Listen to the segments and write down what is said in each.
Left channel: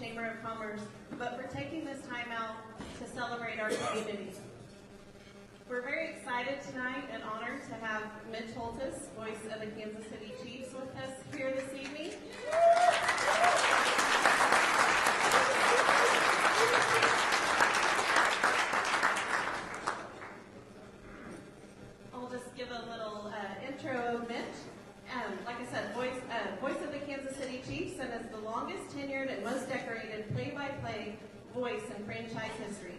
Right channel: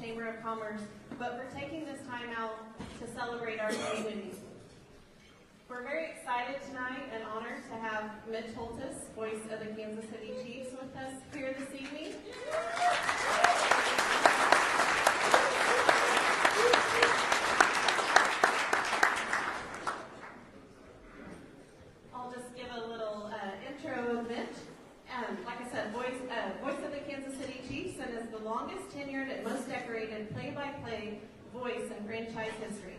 Chamber of Commerce, but for taking this time out to celebrate our community. We're very excited tonight and honored to have Mitch Holthus, voice of the Kansas City Chiefs, with us here this evening. I'll just give a little intro of Mitch. Like I said, voice of the Kansas City Chiefs, and is the longest tenured and most decorated play-by-play voice in franchise history.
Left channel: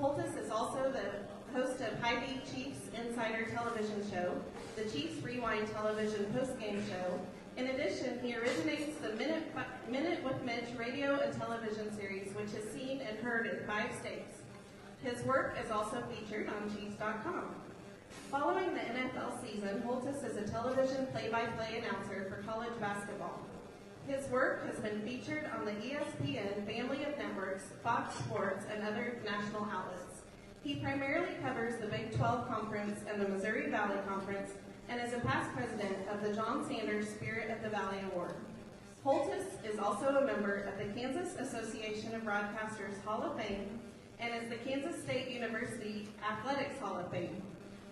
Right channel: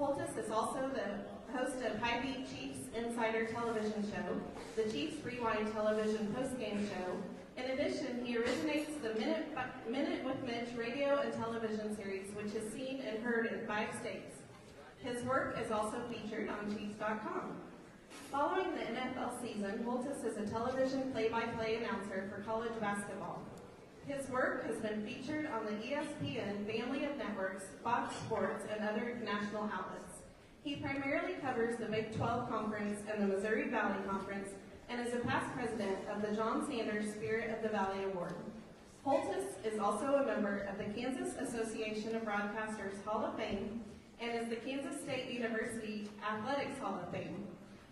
Holthus is also the host of High Beat Chiefs Insider television show, the Chiefs Rewind television postgame show. In addition, he originates the Minute with Mitch radio and television series, which is seen and heard in 5 states. His work is also featured on Chiefs.com. Following the NFL season, Holthus is a television play-by-play announcer for college basketball. His work has been featured on the ESPN family of networks, Fox Sports, and other national outlets. He primarily covers the Big 12 Conference and the Missouri Valley Conference, and is a past president of the John Sanders Spirit of the Valley Award. Holthus is also a member of the Kansas Association of Broadcasters Hall of Fame, and is the Kansas State University Athletics Hall of Fame.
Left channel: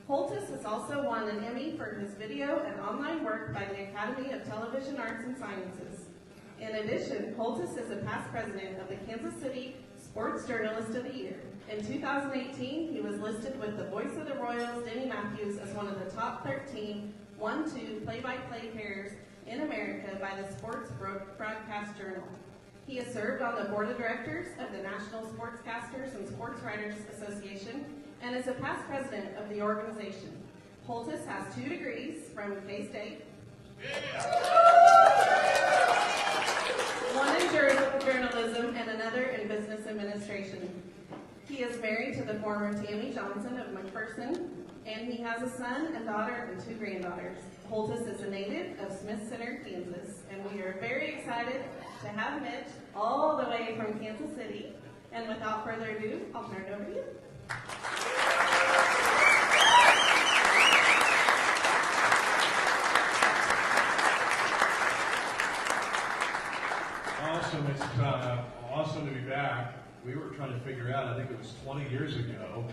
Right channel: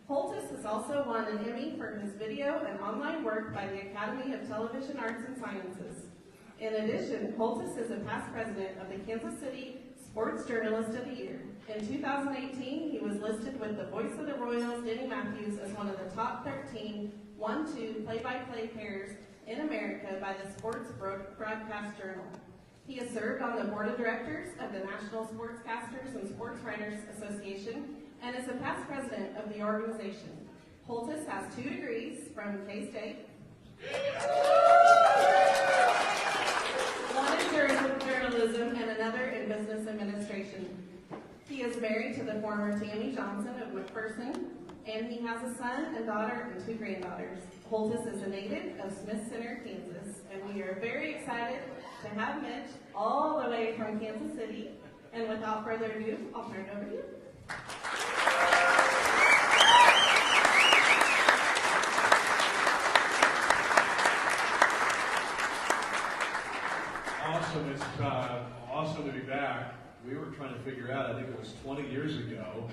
Holthus has also won an Emmy for his video and online work by the Academy of Television Arts and Sciences. In addition, Holthus is a past president of the Kansas City Sports Journalist of the Year. In 2018, he was listed with the Voice of the Royals, Denny Matthews, as one of the top 13 1-2 play-by-play pairs in America by the Sports Broadcast Journal. He has served on the board of directors of the National Sportscasters and Sports Writers Association, and is a past president of the organization. Holthus has 2 degrees from K-State, one in journalism and another in business administration. He is married to the former Tammy Johnson of McPherson, and he has a son and daughter and 2 granddaughters. Holthus is a native of Smith Center, Kansas, and we are very excited to have Mitch all the way from Kansas City. And without further ado, I'll turn it over to you. Awesome. It's awesome to be back. We were trying to figure out, I think it was 20 years ago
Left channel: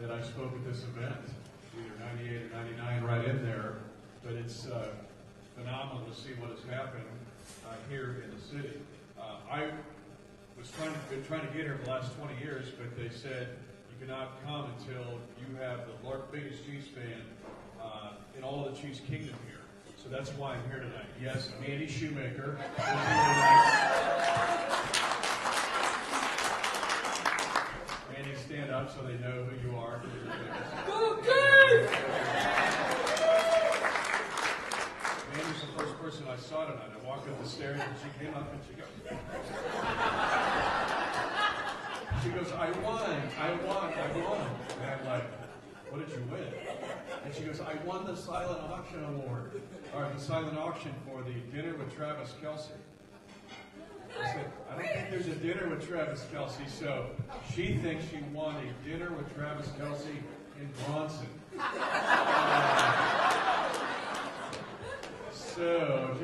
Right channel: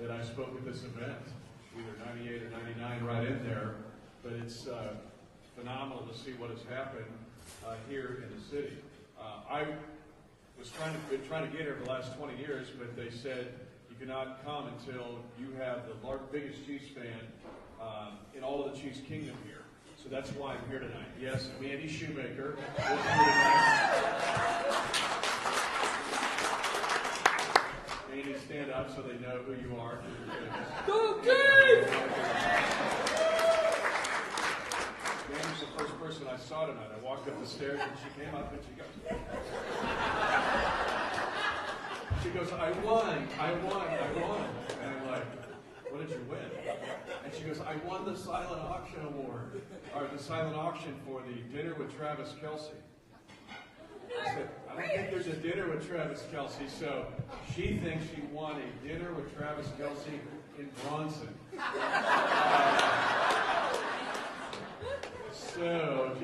that I spoke at this event, either 98 or 99, right in there. But it's phenomenal to see what has happened here in the city. I was been trying to get here for the last 20 years, but they said you cannot come until you have the biggest Chiefs fan in all of the Chiefs kingdom here. So that's why I'm here tonight. Yes, Andy Shoemaker. Andy, stand up so they know who you are. Go Chiefs! Andy's the first person I saw tonight. I walked up the stairs and she came up and she goes, I won. And I'm like, what did you win? And she goes, I won the silent auction award, or the silent auction for the dinner with Travis Kelce. I said, I don't think there's a dinner with Travis Kelce, so she thinks she won a dinner with Travis Kelce in Bronson. So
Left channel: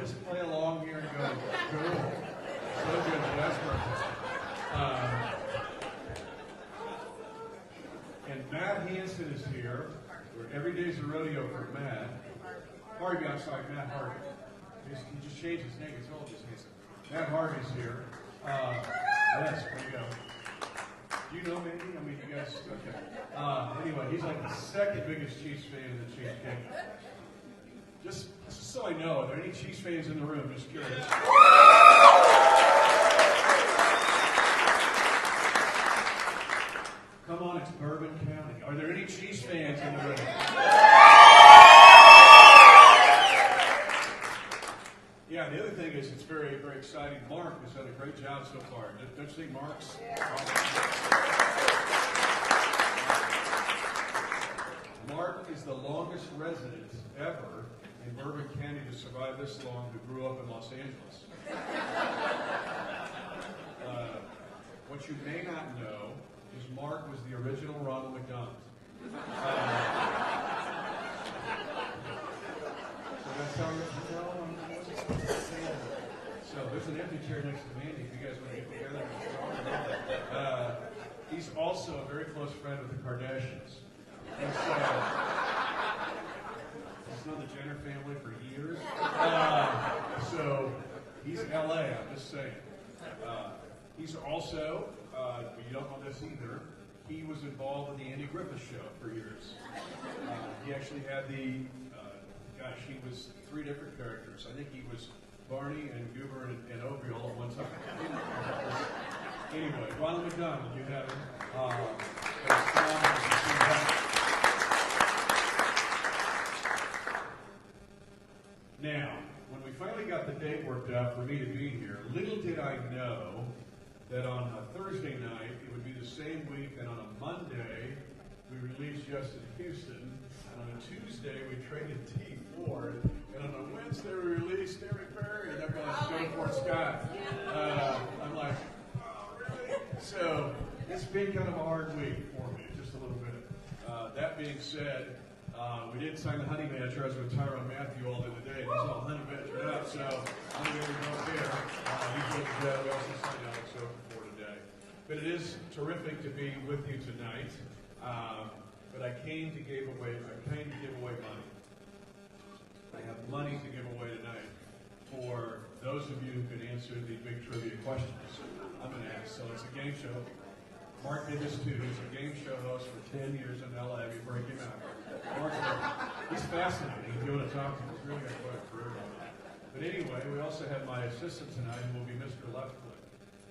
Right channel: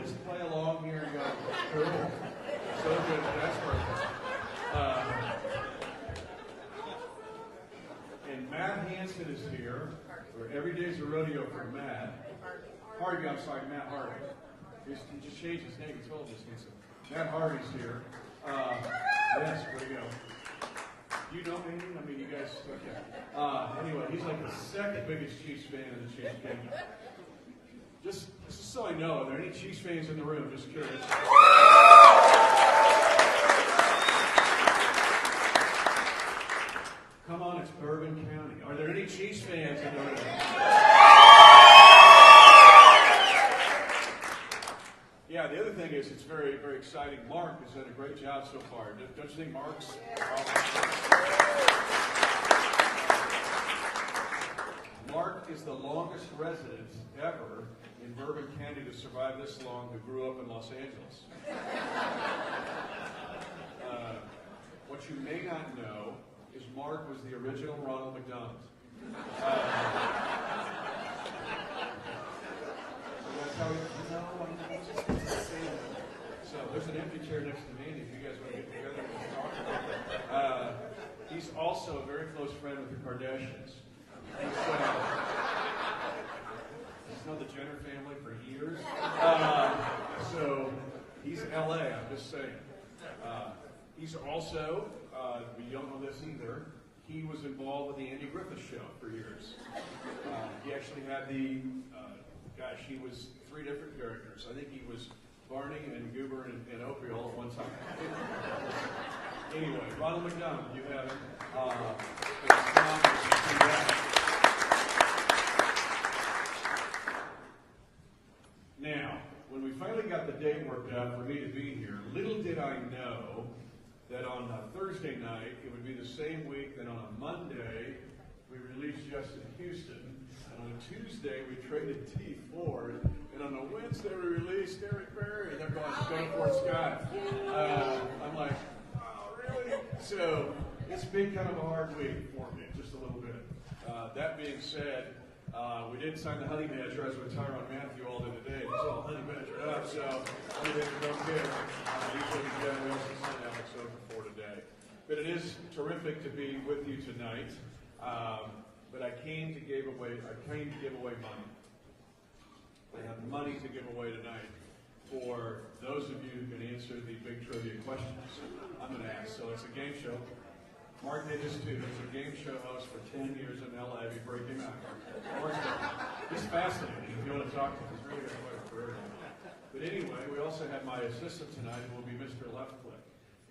just play along here and go, cool. So good, Jasper. And Matt Hansen is here. Every day's a rodeo for Matt. Harvey, I'm sorry, Matt Harvey. He just changed his name. He told us Hansen. Matt Harvey's here. Yes, where you go? Do you know anything? I mean, you guys, okay. Anyway, he's like the second biggest Chiefs fan in the Chiefs game. Just so I know, are there any Chiefs fans in the room? Just curious. Come on, it's Bourbon County. Are there any Chiefs fans in the room? Yeah, the other thing is it's very, very exciting. Mark has done a great job so far. Don't you think Mark's Mark is the longest resident ever in Bourbon County to survive this long who grew up in Los Angeles. What you may not know is Mark was the original Ronald McDonald. So that's how you know. I'm just saying that. So there's an empty chair next to Mandy if you guys want to get together and talk. He's also a very close friend with the Kardashians. He's known the Jenner family for years. So he's in LA, I'm just saying. He's also, you don't know this either, he was involved with the Andy Griffith Show for years. He actually had he was 3 different characters. I think he was Barney and Goober and Opie all at one time. Anyway, Ronald McDonald, you have him. Now, when we finally got the date worked out for me to be here, little did I know that on a Thursday night, it would be the same week that on a Monday, we released Justin Houston, and on a Tuesday, we traded T. Ford, and on a Wednesday, we released Eric Berry, and they're going, go before Scott. I'm like, oh, really? So, it's been kind of a hard week for me, just a little bit. That being said, we did sign the honey badger. I was with Tyron Matthew all the other day. He's all honey badgered up, so honey badger right there. He's really good. We also signed Alex Okafor today. But it is terrific to be with you tonight. But I came to give away money. I have money to give away tonight for those of you who can answer the big trivia questions I'm going to ask. So it's a game show. Mark did this too. He was a game show host for 10 years in LA before he came out. He's fascinating. If you want to talk to him, he's really going to play for everybody. But anyway, we also have my assistant tonight, who will be Mr. Leftfoot.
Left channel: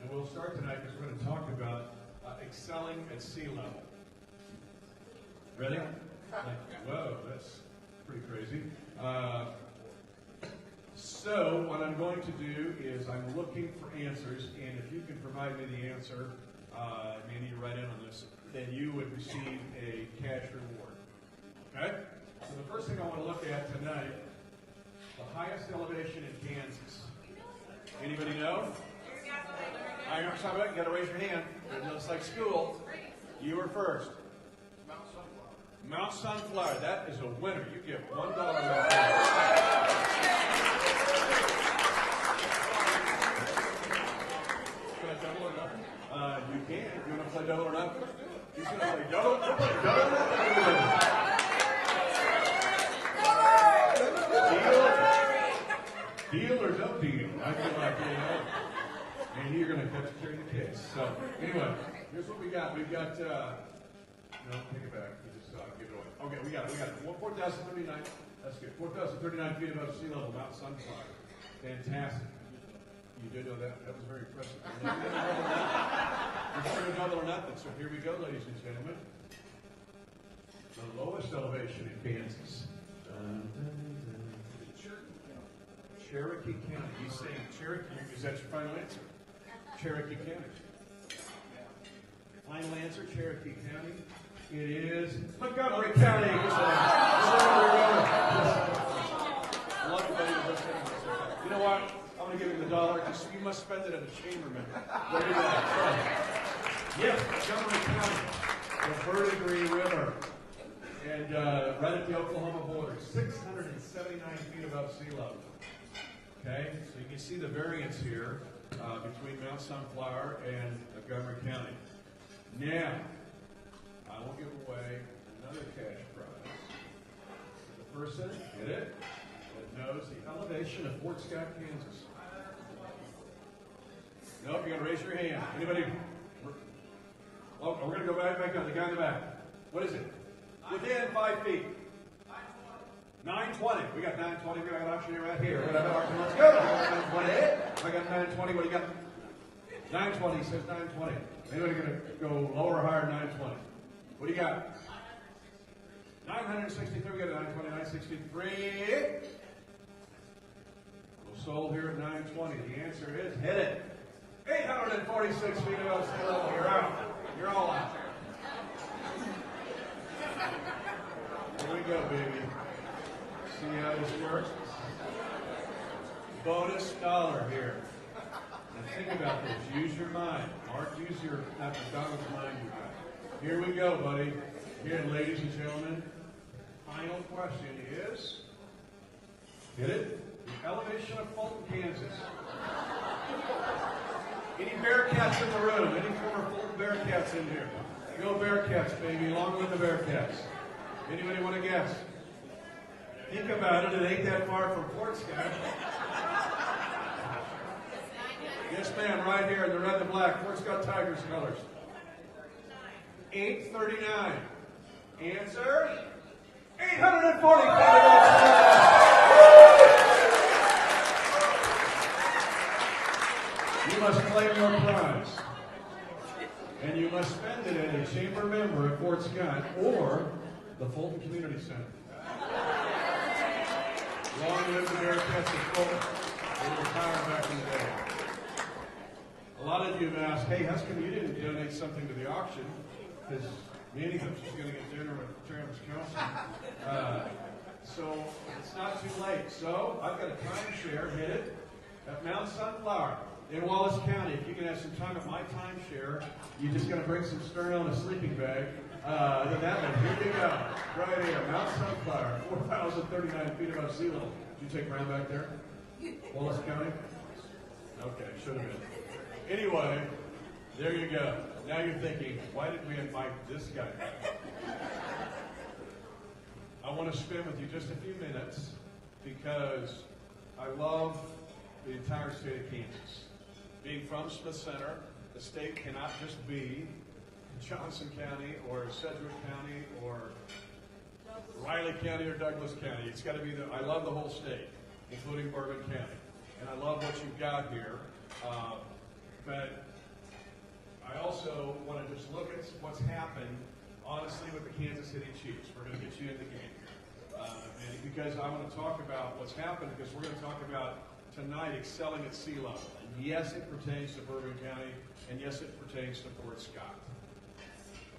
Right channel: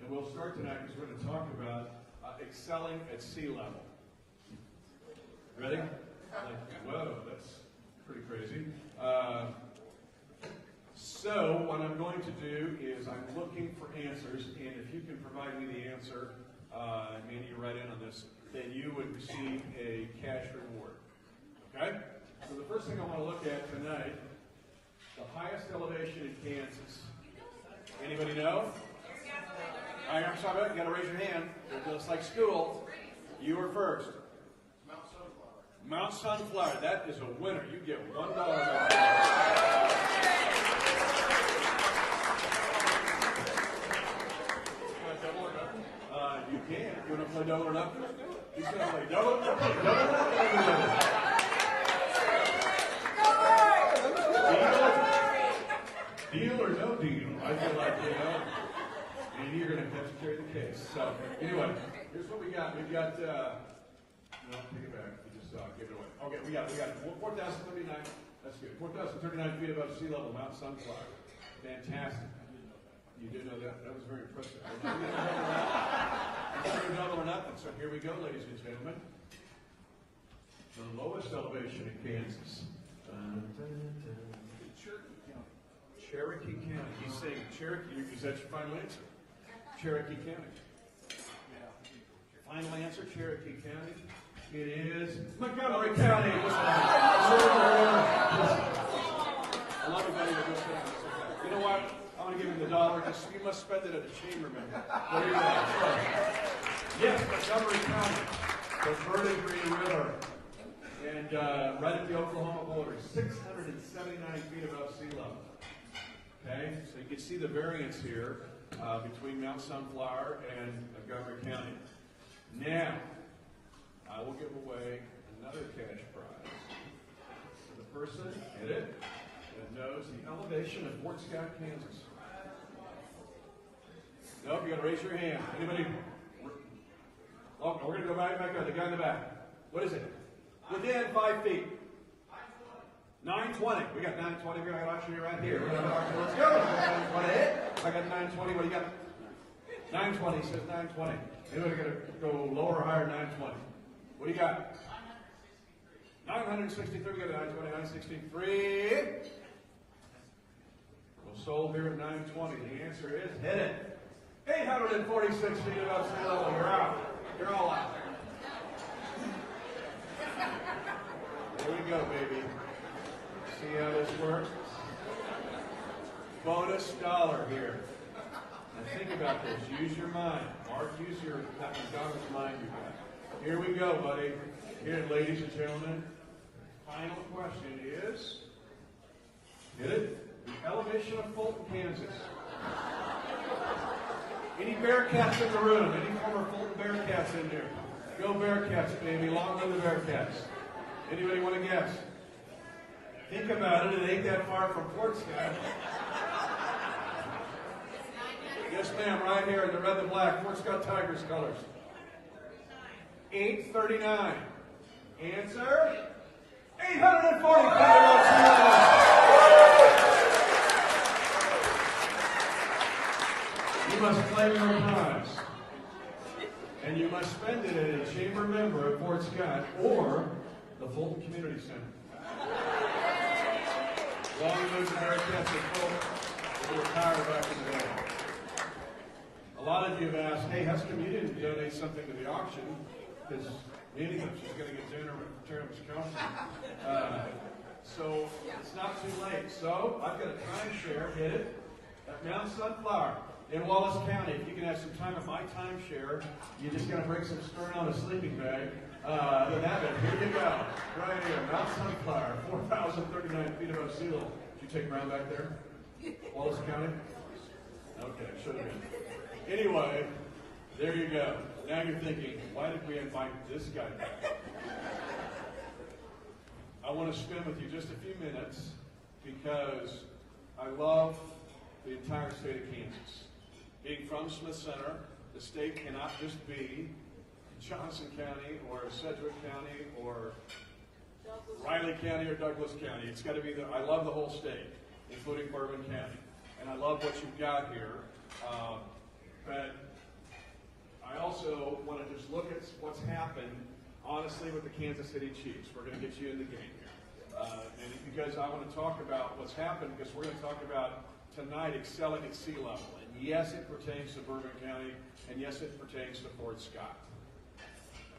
And we'll start tonight because we're going to talk about excelling at sea level. Ready? Whoa, that's pretty crazy. So what I'm going to do is I'm looking for answers, and if you can provide me the answer, Mandy, you write in on this, then you would receive a cash reward. Okay? So the first thing I want to look at tonight, the highest elevation in Kansas. Anybody know? I'm sorry, you got to raise your hand. It's just like school. You were first. Mount Sunflower. That is a winner. You get $1. Double or nothing? You can. You want to play double or nothing? Let's do it. You want to play double or nothing? Double or nothing? Deal or no deal? I feel like, and you're going to have to carry the case. So, anyway, here's what we got. We've got, no, take it back. You just give it away. Okay, we got 4,039. That's good. 4,039 feet above sea level, Mount Sunflower. Fantastic. You did know that. That was very impressive. You should double or nothing. So here we go, ladies and gentlemen. The lowest elevation in Kansas. Cherokee County. He's saying Cherokee. Is that your final answer? Cherokee County. Your final answer, Cherokee County. It is Montgomery County. I love you, buddy. You know what? I want to give him the $1. You must spend it at a chambermaid. There you go. Yes, Montgomery County, the Verde Green River, and right at the Oklahoma border, 679 feet above sea level. Okay, so you can see the variance here between Mount Sunflower and Montgomery County. Now, I will give away another cash prize to the person that knows the elevation of Fort Scott, Kansas. Nope, you got to raise your hand. Anybody? Oh, we're going to go back up. The guy in the back. What is it? Within 5 feet. 920. We got 920. We got an auctioneer right here. Let's go. I got 920. What do you got? 920. Says 920. Anybody going to go lower or higher? 920. What do you got? 963. We got 920. 963. Sold here at 920. The answer is hit it. 846 feet above sea level. You're out. You're all out. Here we go, baby. See how this works? Bonus dollar here. Now think about this. Use your mind. Mark, use your McDonald's mind you got. Here we go, buddy. Here, ladies and gentlemen. Final question is, get it? The elevation of Fulton, Kansas. Any Bearcats in the room? Any former Fulton Bearcats in here? Go Bearcats, baby. Long live the Bearcats. Anybody want to guess? Think about it. It ain't that far from Fort Scott. Yes, ma'am. Right here in the red and black. Fort Scott Tigers colors. 839. Answer? 840. You must claim your prize. And you must spend it in a chamber member at Fort Scott or the Fulton Community Center. Long live the Bearcats of Fulton. They were retired back in the day. A lot of you have asked, hey, how come you didn't donate something to the auction? Because many of us just going to get dinner with Travis Kelsey. So it's not too late. So I've got a timeshare headed at Mount Sunflower in Wallace County. If you can have some time at my timeshare, you just got to bring some stern on a sleeping bag. Here we go. Right here, Mount Sunflower, 4,039 feet above sea level. Did you take ground back there? Wallace County? Okay, should have been. Anyway, there you go. Now you're thinking, why did we invite this guy back? I want to spend with you just a few minutes because I love the entire state of Kansas. Being from Smith Center, the state cannot just be Johnson County or Sedgwick County or Riley County or Douglas County. It's got to be I love the whole state, including Bourbon County. And I love what you've got here. But I also want to just look at what's happened, honestly, with the Kansas City Chiefs. We're going to get you in the game here. And because I want to talk about what's happened, because we're going to talk about tonight excelling at sea level. And yes, it pertains to Bourbon County, and yes, it pertains to Fort Scott.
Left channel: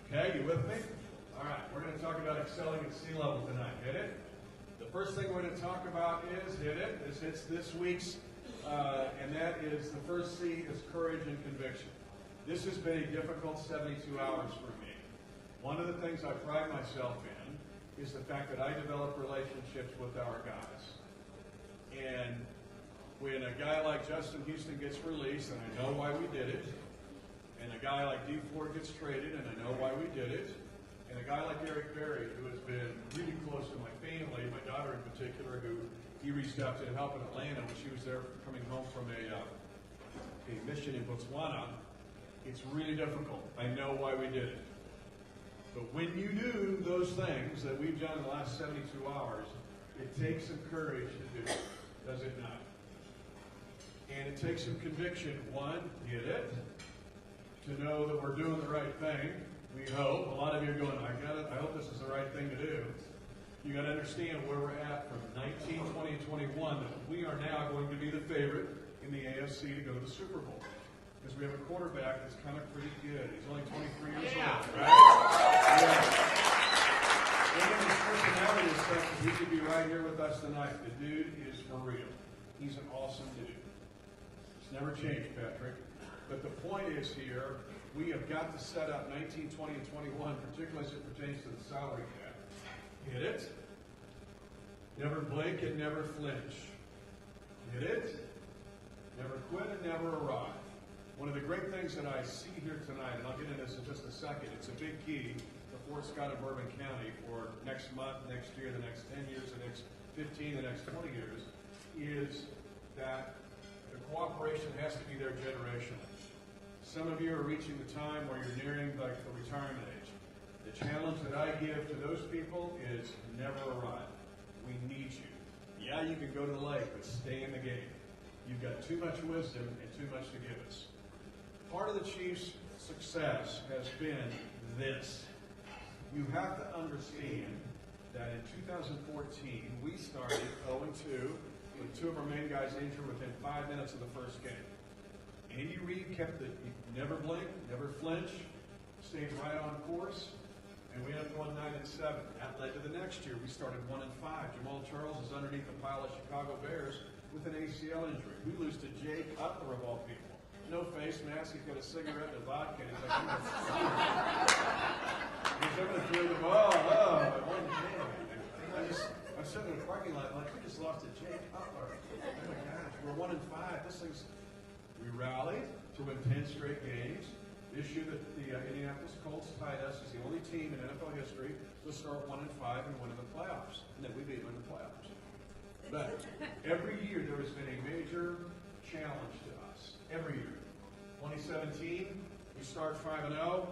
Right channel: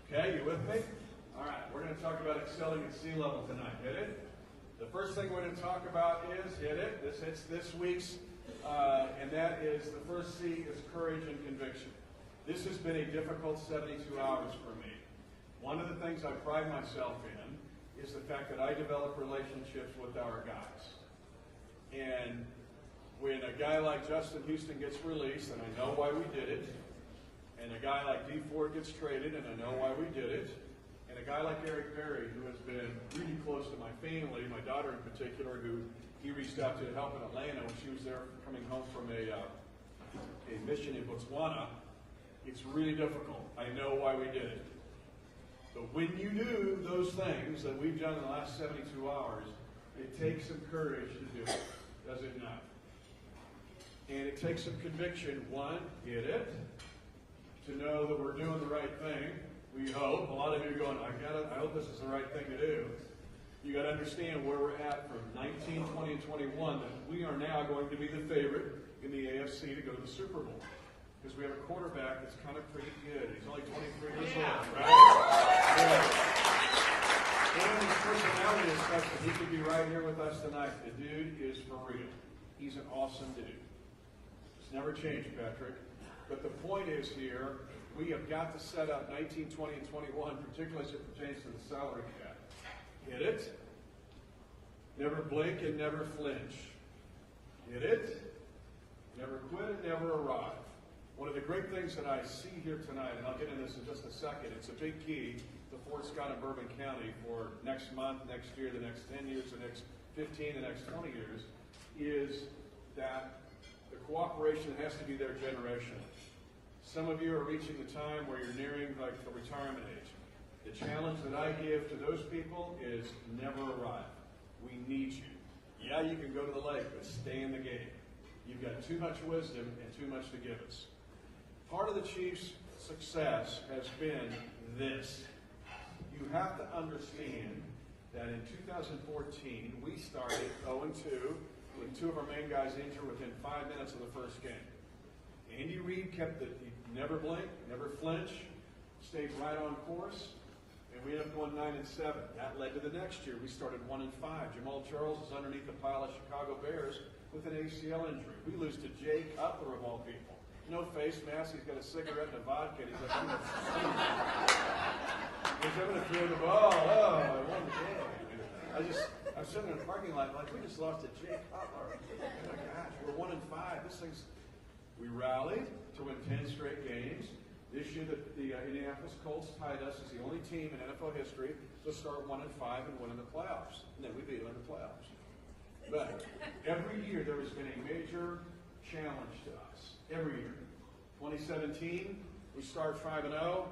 Okay, you with me? All right, we're going to talk about excelling at sea level tonight. Hit it? The first thing we're going to talk about is, hit it, it's this week's, and that is the first C is courage and conviction. This has been a difficult 72 hours for me. One of the things I pride myself in is the fact that I develop relationships with our guys. And when a guy like Justin Houston gets released, and I know why we did it, and a guy like D. Ford gets traded, and I know why we did it, and a guy like Eric Berry, who has been really close to my family, my daughter in particular, who he reached out to help in Atlanta when she was there coming home from a mission in Botswana. It's really difficult. I know why we did it. But when you do those things that we've done in the last 72 hours, it takes some courage to do it, does it not? And it takes some conviction. One, get it, to know that we're doing the right thing. We hope. A lot of you are going, I hope this is the right thing to do. You got to understand where we're at from 19, 20, and 21. That we are now going to be the favorite in the AFC to go to the Super Bowl. Because we have a quarterback that's kind of pretty good. He's only 23 years old, right? And his personality is such that he could be right here with us tonight. The dude is for real. He's an awesome dude. It's never changed, Patrick. But the point is here, we have got to set up 19, 20, and 21, particularly as it pertains to the salary cap. Hit it? Never blink and never flinch. Hit it? Never quit and never arrive. One of the great things that I see here tonight, and I'll get into this in just a second, it's a big key to Fort Scott and Bourbon County for next month, next year, the next 10 years, the next 15, the next 20 years, is that the cooperation has to be there generationally. Some of you are reaching the time where you're nearing like the retirement age. The challenge that I give to those people is never arrive. We need you. Yeah, you can go to the lake, but stay in the game. You've got too much wisdom and too much to give us. Part of the Chiefs' success has been this. You have to understand that in 2014, we started 0-2 with two of our main guys injured within 5 minutes of the first game. Andy Reid kept it, he never blinked, never flinched, stayed right on course, and we ended up going 9-7. That led to the next year. We started 1-5. Jamal Charles is underneath the pile of Chicago Bears with an ACL injury. We lose to Jay Cutler, of all people. No face mask. He's got a cigarette and a vodka. And he's like, he's going to throw the ball. Oh, I won the game. I'm sitting in the parking lot like, we just lost to Jay Cutler. Oh my gosh, we're 1-5. This thing's. We rallied to win 10 straight games. This year, the Indianapolis Colts tied us as the only team in NFL history to start 1-5 and win in the playoffs. And then we beat them in the playoffs. But every year there has been a major challenge to us. Every year. 2017, we start 5-0.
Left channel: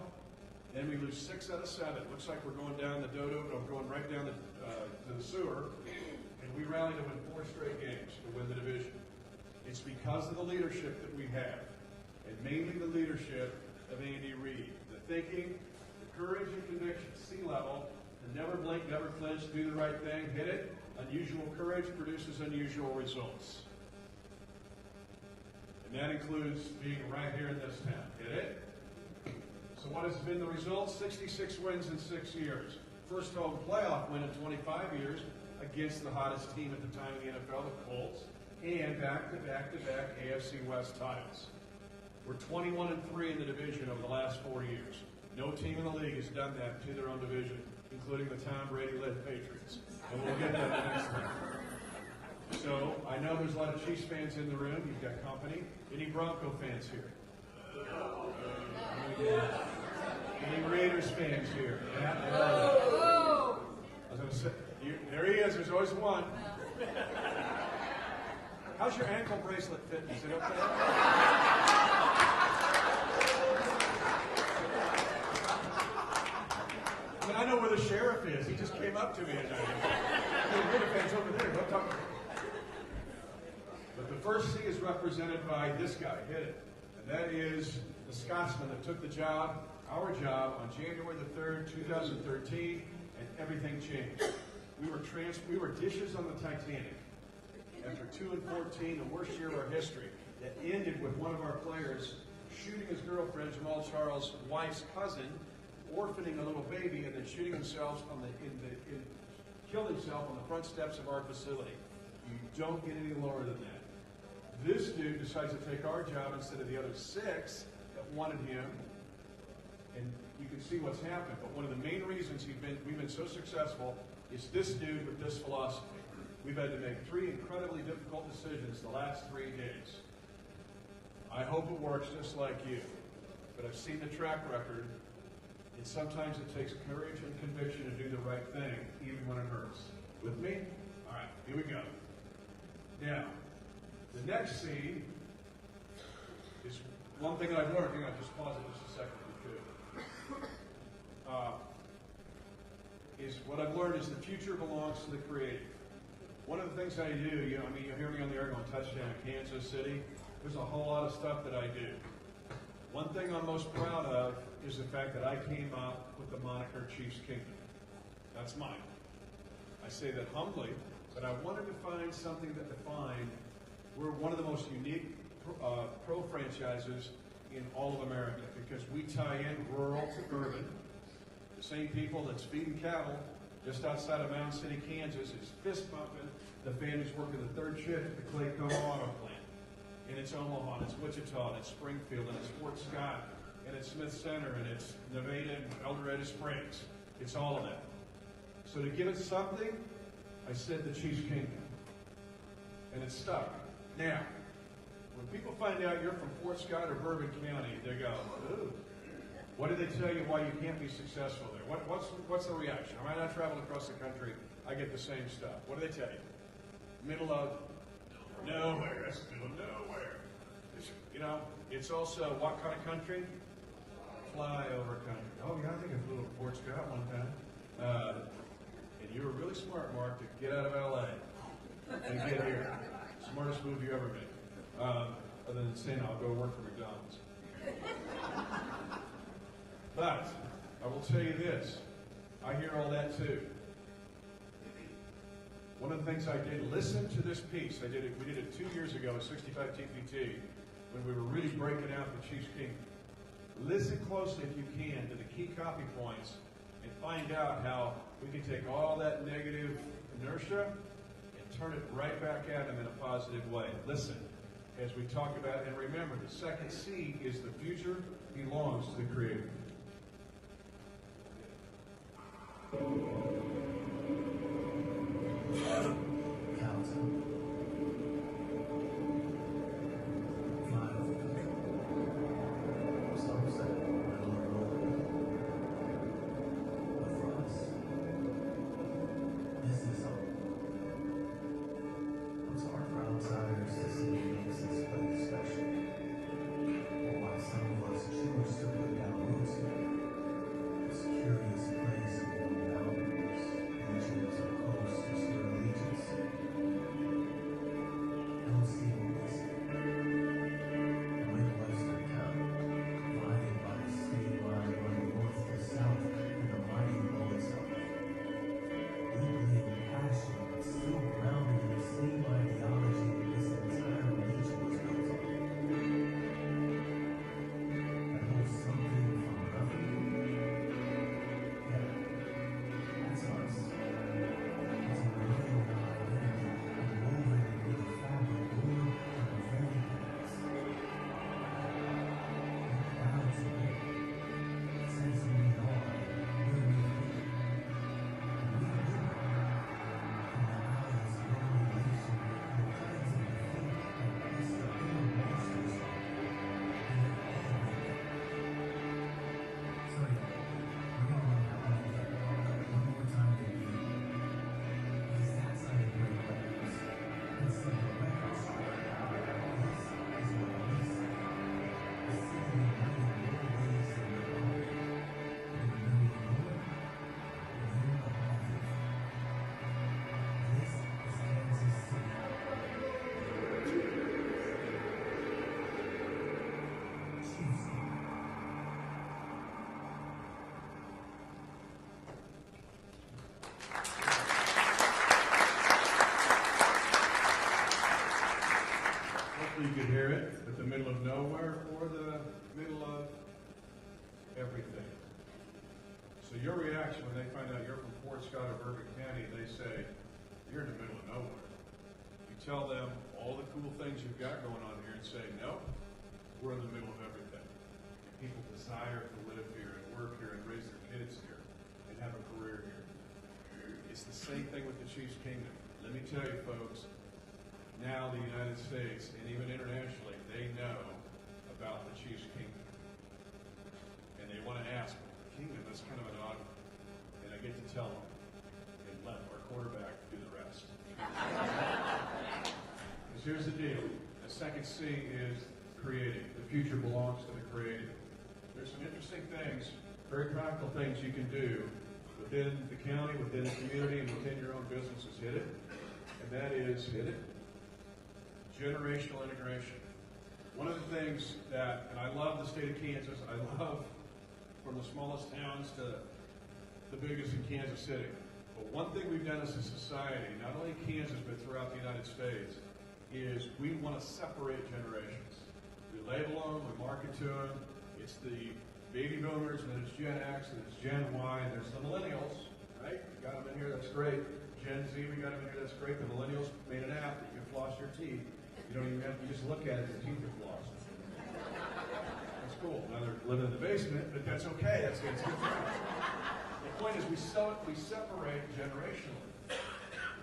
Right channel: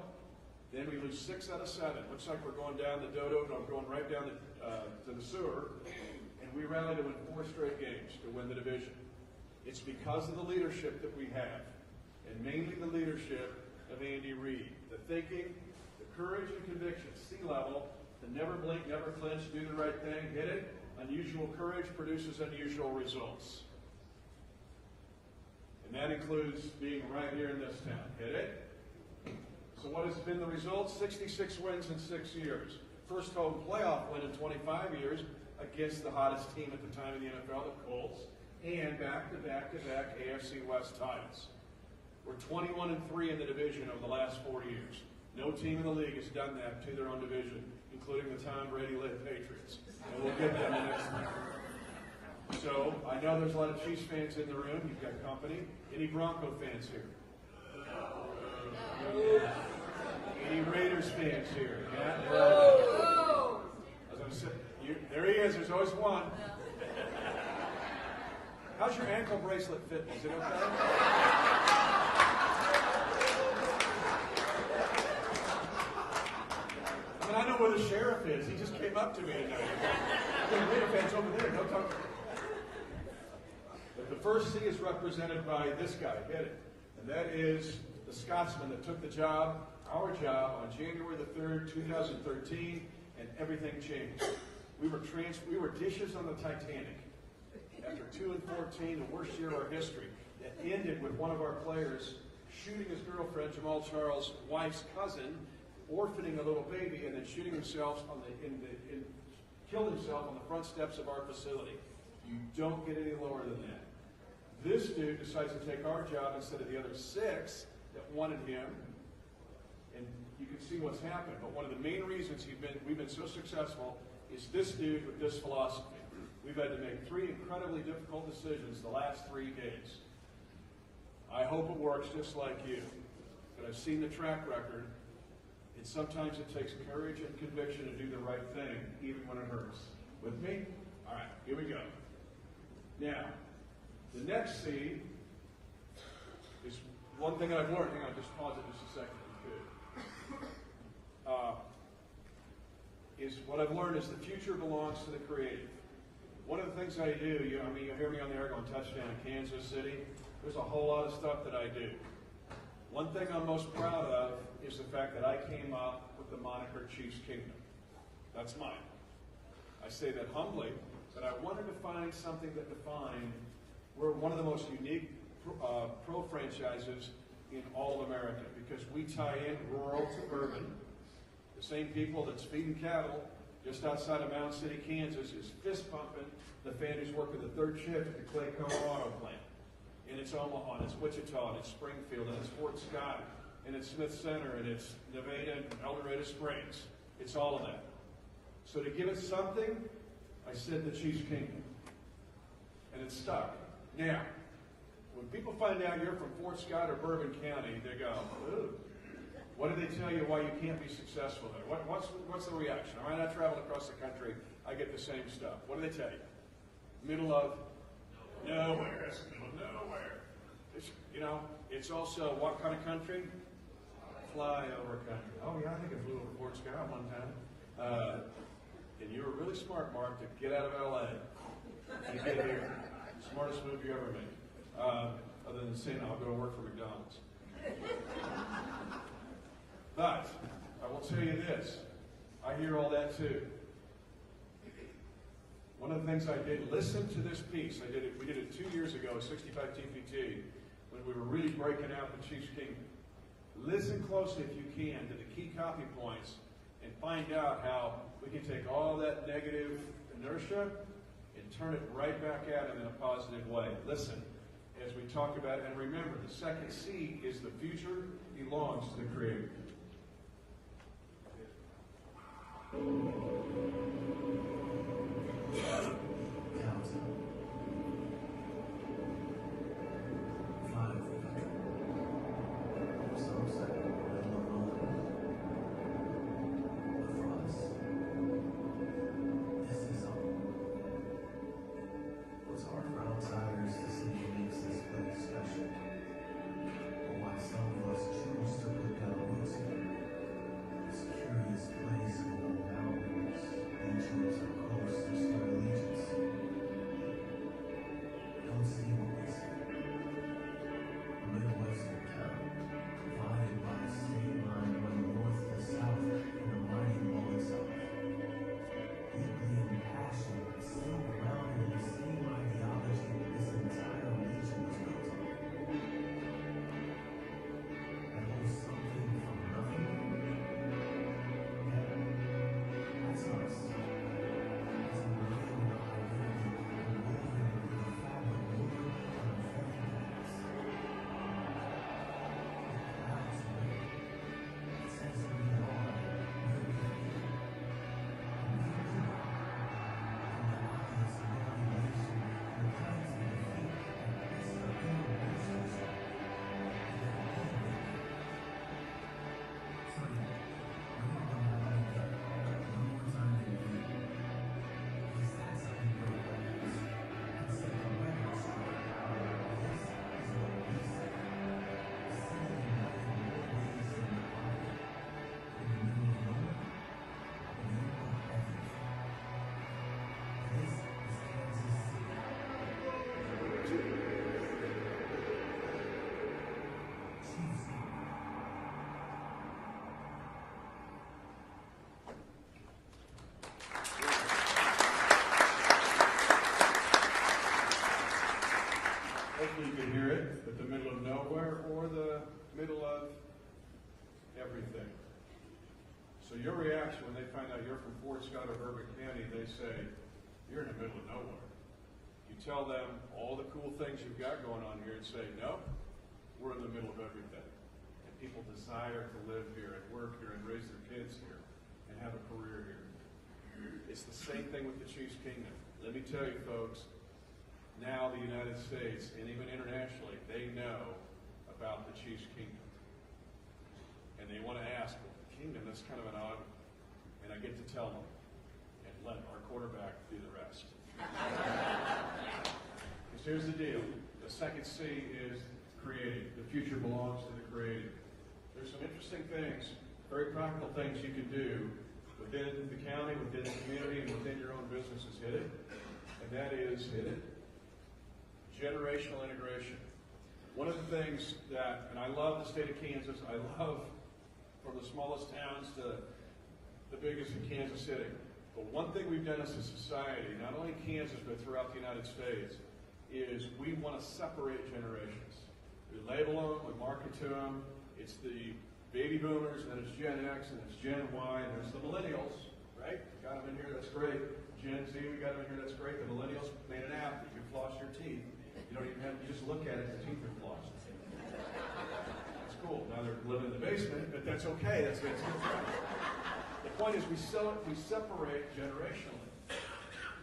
Then we lose 6 out of 7. Looks like we're going down the dodo, but I'm going right down to the sewer. And we rally to win 4 straight games to win the division. It's because of the leadership that we have, and mainly the leadership of Andy Reid. The thinking, the courage and conviction, sea level, to never blink, never flinch, do the right thing, hit it. Unusual courage produces unusual results. And that includes being right here in this town. Hit it? So what has been the result? 66 wins in 6 years. First home playoff win in 25 years against the hottest team at the time in the NFL, the Colts, and back-to-back-to-back AFC West titles. We're 21-3 in the division over the last 4 years. No team in the league has done that to their own division, including the Tom Brady-led Patriots. And we'll get them the next time. So, I know there's a lot of Chiefs fans in the room. You've got company. Any Bronco fans here? Any Raiders fans here? Yeah? I was going to say, there he is. There's always one. How's your ankle bracelet fit? Is it okay? I mean, I know where the sheriff is. He just came up to me tonight. The Raider fans over there. Don't talk. But the first C is represented by this guy. Hit it. And that is the Scotsman that took the job, our job, on January the 3rd, 2013, and everything changed. We were dishes on the Titanic. After 2-14, the worst year of our history, that ended with one of our players shooting his girlfriend, Jamal Charles' wife's cousin, orphaning a little baby, and then shooting himself killed himself on the front steps of our facility. You don't get any lower than that. This dude decides to take our job instead of the other 6 that wanted him, and you can see what's happened. But one of the main reasons we've been so successful is this dude with this philosophy. We've had to make 3 incredibly difficult decisions the last 3 days. I hope it works just like you. But I've seen the track record, and sometimes it takes courage and conviction to do the right thing, even when it hurts. With me? All right, here we go. Now, the next C is one thing that I've learned. Hang on, just pause it just a second if you could. Is what I've learned is the future belongs to the creative. One of the things I do, you hear me on the air going touchdown in Kansas City. There's a whole lot of stuff that I do. One thing I'm most proud of is the fact that I came up with the moniker Chiefs Kingdom. That's mine. I say that humbly, but I wanted to find something that defined we're one of the most unique pro franchises in all of America because we tie in rural to urban. The same people that's feeding cattle just outside of Mound City, Kansas, is fist pumping the fan who's working the 3rd shift at the Clayco Auto Plant. And it's Omaha, and it's Wichita, and it's Springfield, and it's Fort Scott, and it's Smith Center, and it's Nevada and El Dorado Springs. It's all of that. So to give it something, I said the Chiefs Kingdom. And it stuck. Now, when people find out you're from Fort Scott or Bourbon County, they go, ooh. What do they tell you why you can't be successful there? What's the reaction? When I travel across the country, I get the same stuff. What do they tell you? Middle of nowhere. It's middle of nowhere. It's also what kind of country? Flyover country. Oh yeah, I think I flew over Fort Scott one time. And you were really smart, Mark, to get out of LA and get here. Smartest move you ever made. Other than saying I'll go to work for McDonald's. But I will tell you this, I hear all that too. One of the things I did, listen to this piece. We did it 2 years ago at 65 TPT when we were really breaking out the Chiefs Kingdom. Listen closely if you can to the key copy points and find out how we can take all that negative inertia and turn it right back at them in a positive way. Listen as we talk about it, and remember, the second C is the future belongs to the Creator. your reaction when they find out you're from Fort Scott or Bourbon County, they say, you're in the middle of nowhere. You tell them all the cool things you've got going on here and say, no, we're in the middle of everything. And people desire to live here and work here and raise their kids here and have a career here. It's the same thing with the Chiefs Kingdom. Let me tell you, folks, now the United States and even internationally, they know about the Chiefs Kingdom. And they want to ask, well, the kingdom, that's kind of an odd, and I get to tell them and let our quarterback do the rest. Because here's the deal. The second C is creating. The future belongs to the creating. There's some interesting things, very practical things you can do within the county, within the community, and within your own businesses. Hit it. And that is, hit it, generational integration. One of the things that, and I love the state of Kansas, I love from the smallest towns to the biggest in Kansas City. But one thing we've done as a society, not only in Kansas but throughout the United States, is we want to separate generations. We label them, we market to them. It's the baby boomers, and then it's Gen X, and it's Gen Y, and there's the millennials, right? We got them in here, that's great. Gen Z, we got them in here, that's great. The millennials made an app that you floss your teeth. You don't even have to just look at it, your teeth are flossed. That's cool. Now they're living in the basement, but that's okay. That's good. The point is we separate generationally.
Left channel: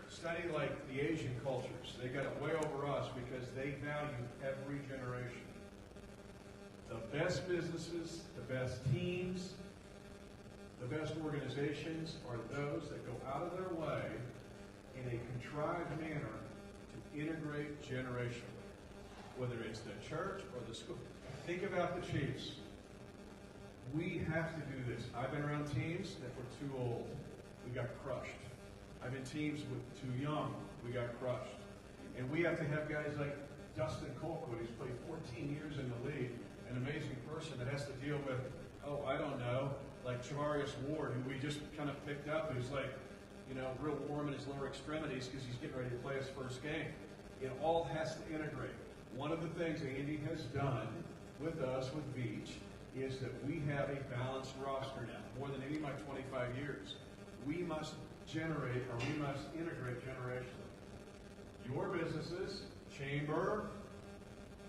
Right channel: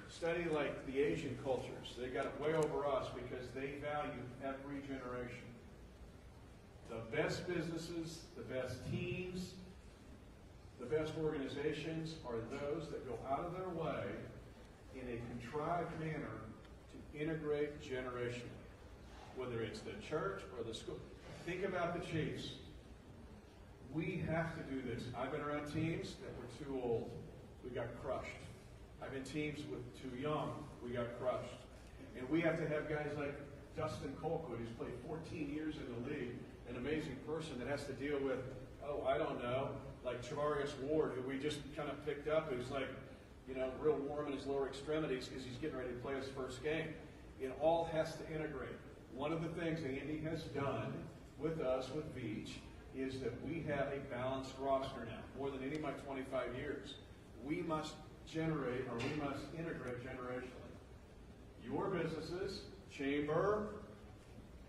Study like the Asian cultures. They got it way over us because they value every generation. The best businesses, the best teams, the best organizations are those that go out of their way in a contrived manner to integrate generationally. Whether it's the church or the school. Think about the Chiefs. We have to do this. I've been around teams that were too old. We got crushed. I've been teams with too young. We got crushed. And we have to have guys like Dustin Colquitt, who's played 14 years in the league, an amazing person that has to deal with, I don't know, like Travarius Ward, who we just kind of picked up, who's like, real warm in his lower extremities because he's getting ready to play his first game. It all has to integrate. One of the things Andy has done with us, with Beach, is that we have a balanced roster now, more than any of my 25 years. We must generate, or we must integrate generationally. Your businesses, chamber,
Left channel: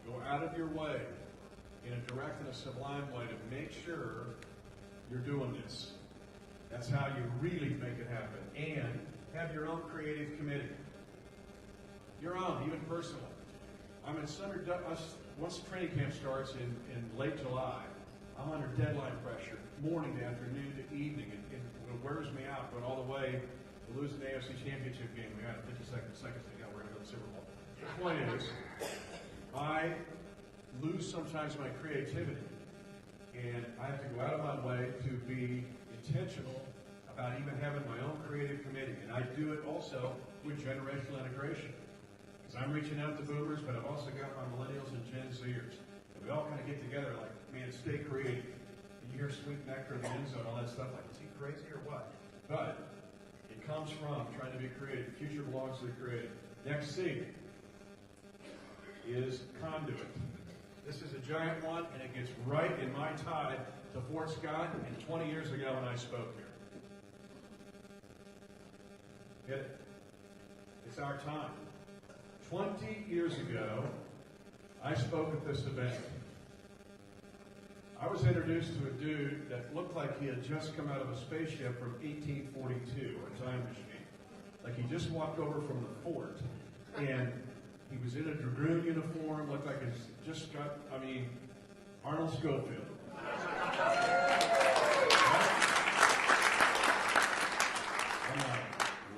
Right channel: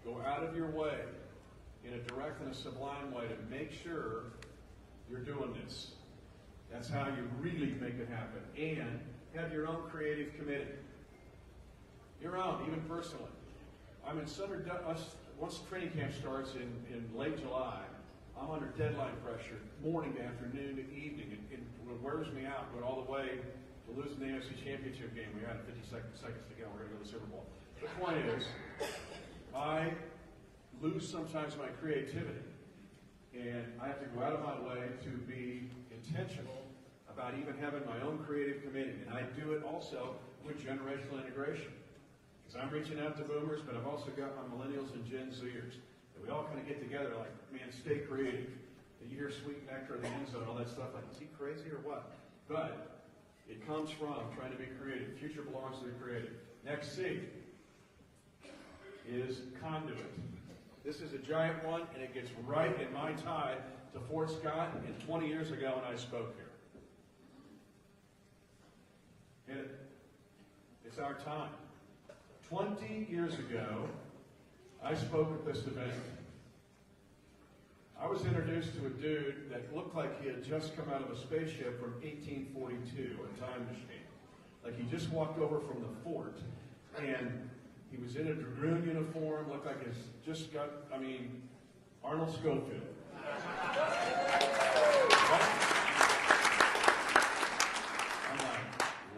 go out of your way in a direct and a sublime way to make sure you're doing this. That's how you really make it happen. And have your own creative committee. Your own, even personally. I'm in once training camp starts in late July, I'm under deadline pressure, morning to afternoon to evening, and it wears me out, but all the way to losing the AFC Championship game. We had 50 seconds to go. We're going to go to the Super Bowl. The point is, I lose sometimes my creativity, and I have to go out of my way to be intentional about even having my own creative committee. And I do it also with generational integration. Because I'm reaching out to boomers, but I've also got my millennials and Gen Zers. And we all kind of get together like, man, stay creative. And you hear Sweet Nectar, the Enzo, and all that stuff, like, is he crazy or what? But it comes from trying to be creative. The future belongs to the creative. Next C is conduit. This is a giant one, and it gets right in my tie to Fort Scott and 20 years ago when I spoke here. Hit it. It's our time. 20 years ago, I spoke at this event. I was introduced to a dude that looked like he had just come out of a spaceship from 1842, a time machine. Like he just walked over from the fort, and he was in a dragoon uniform, looked like he's just got, Arnold Schofield. I'm like,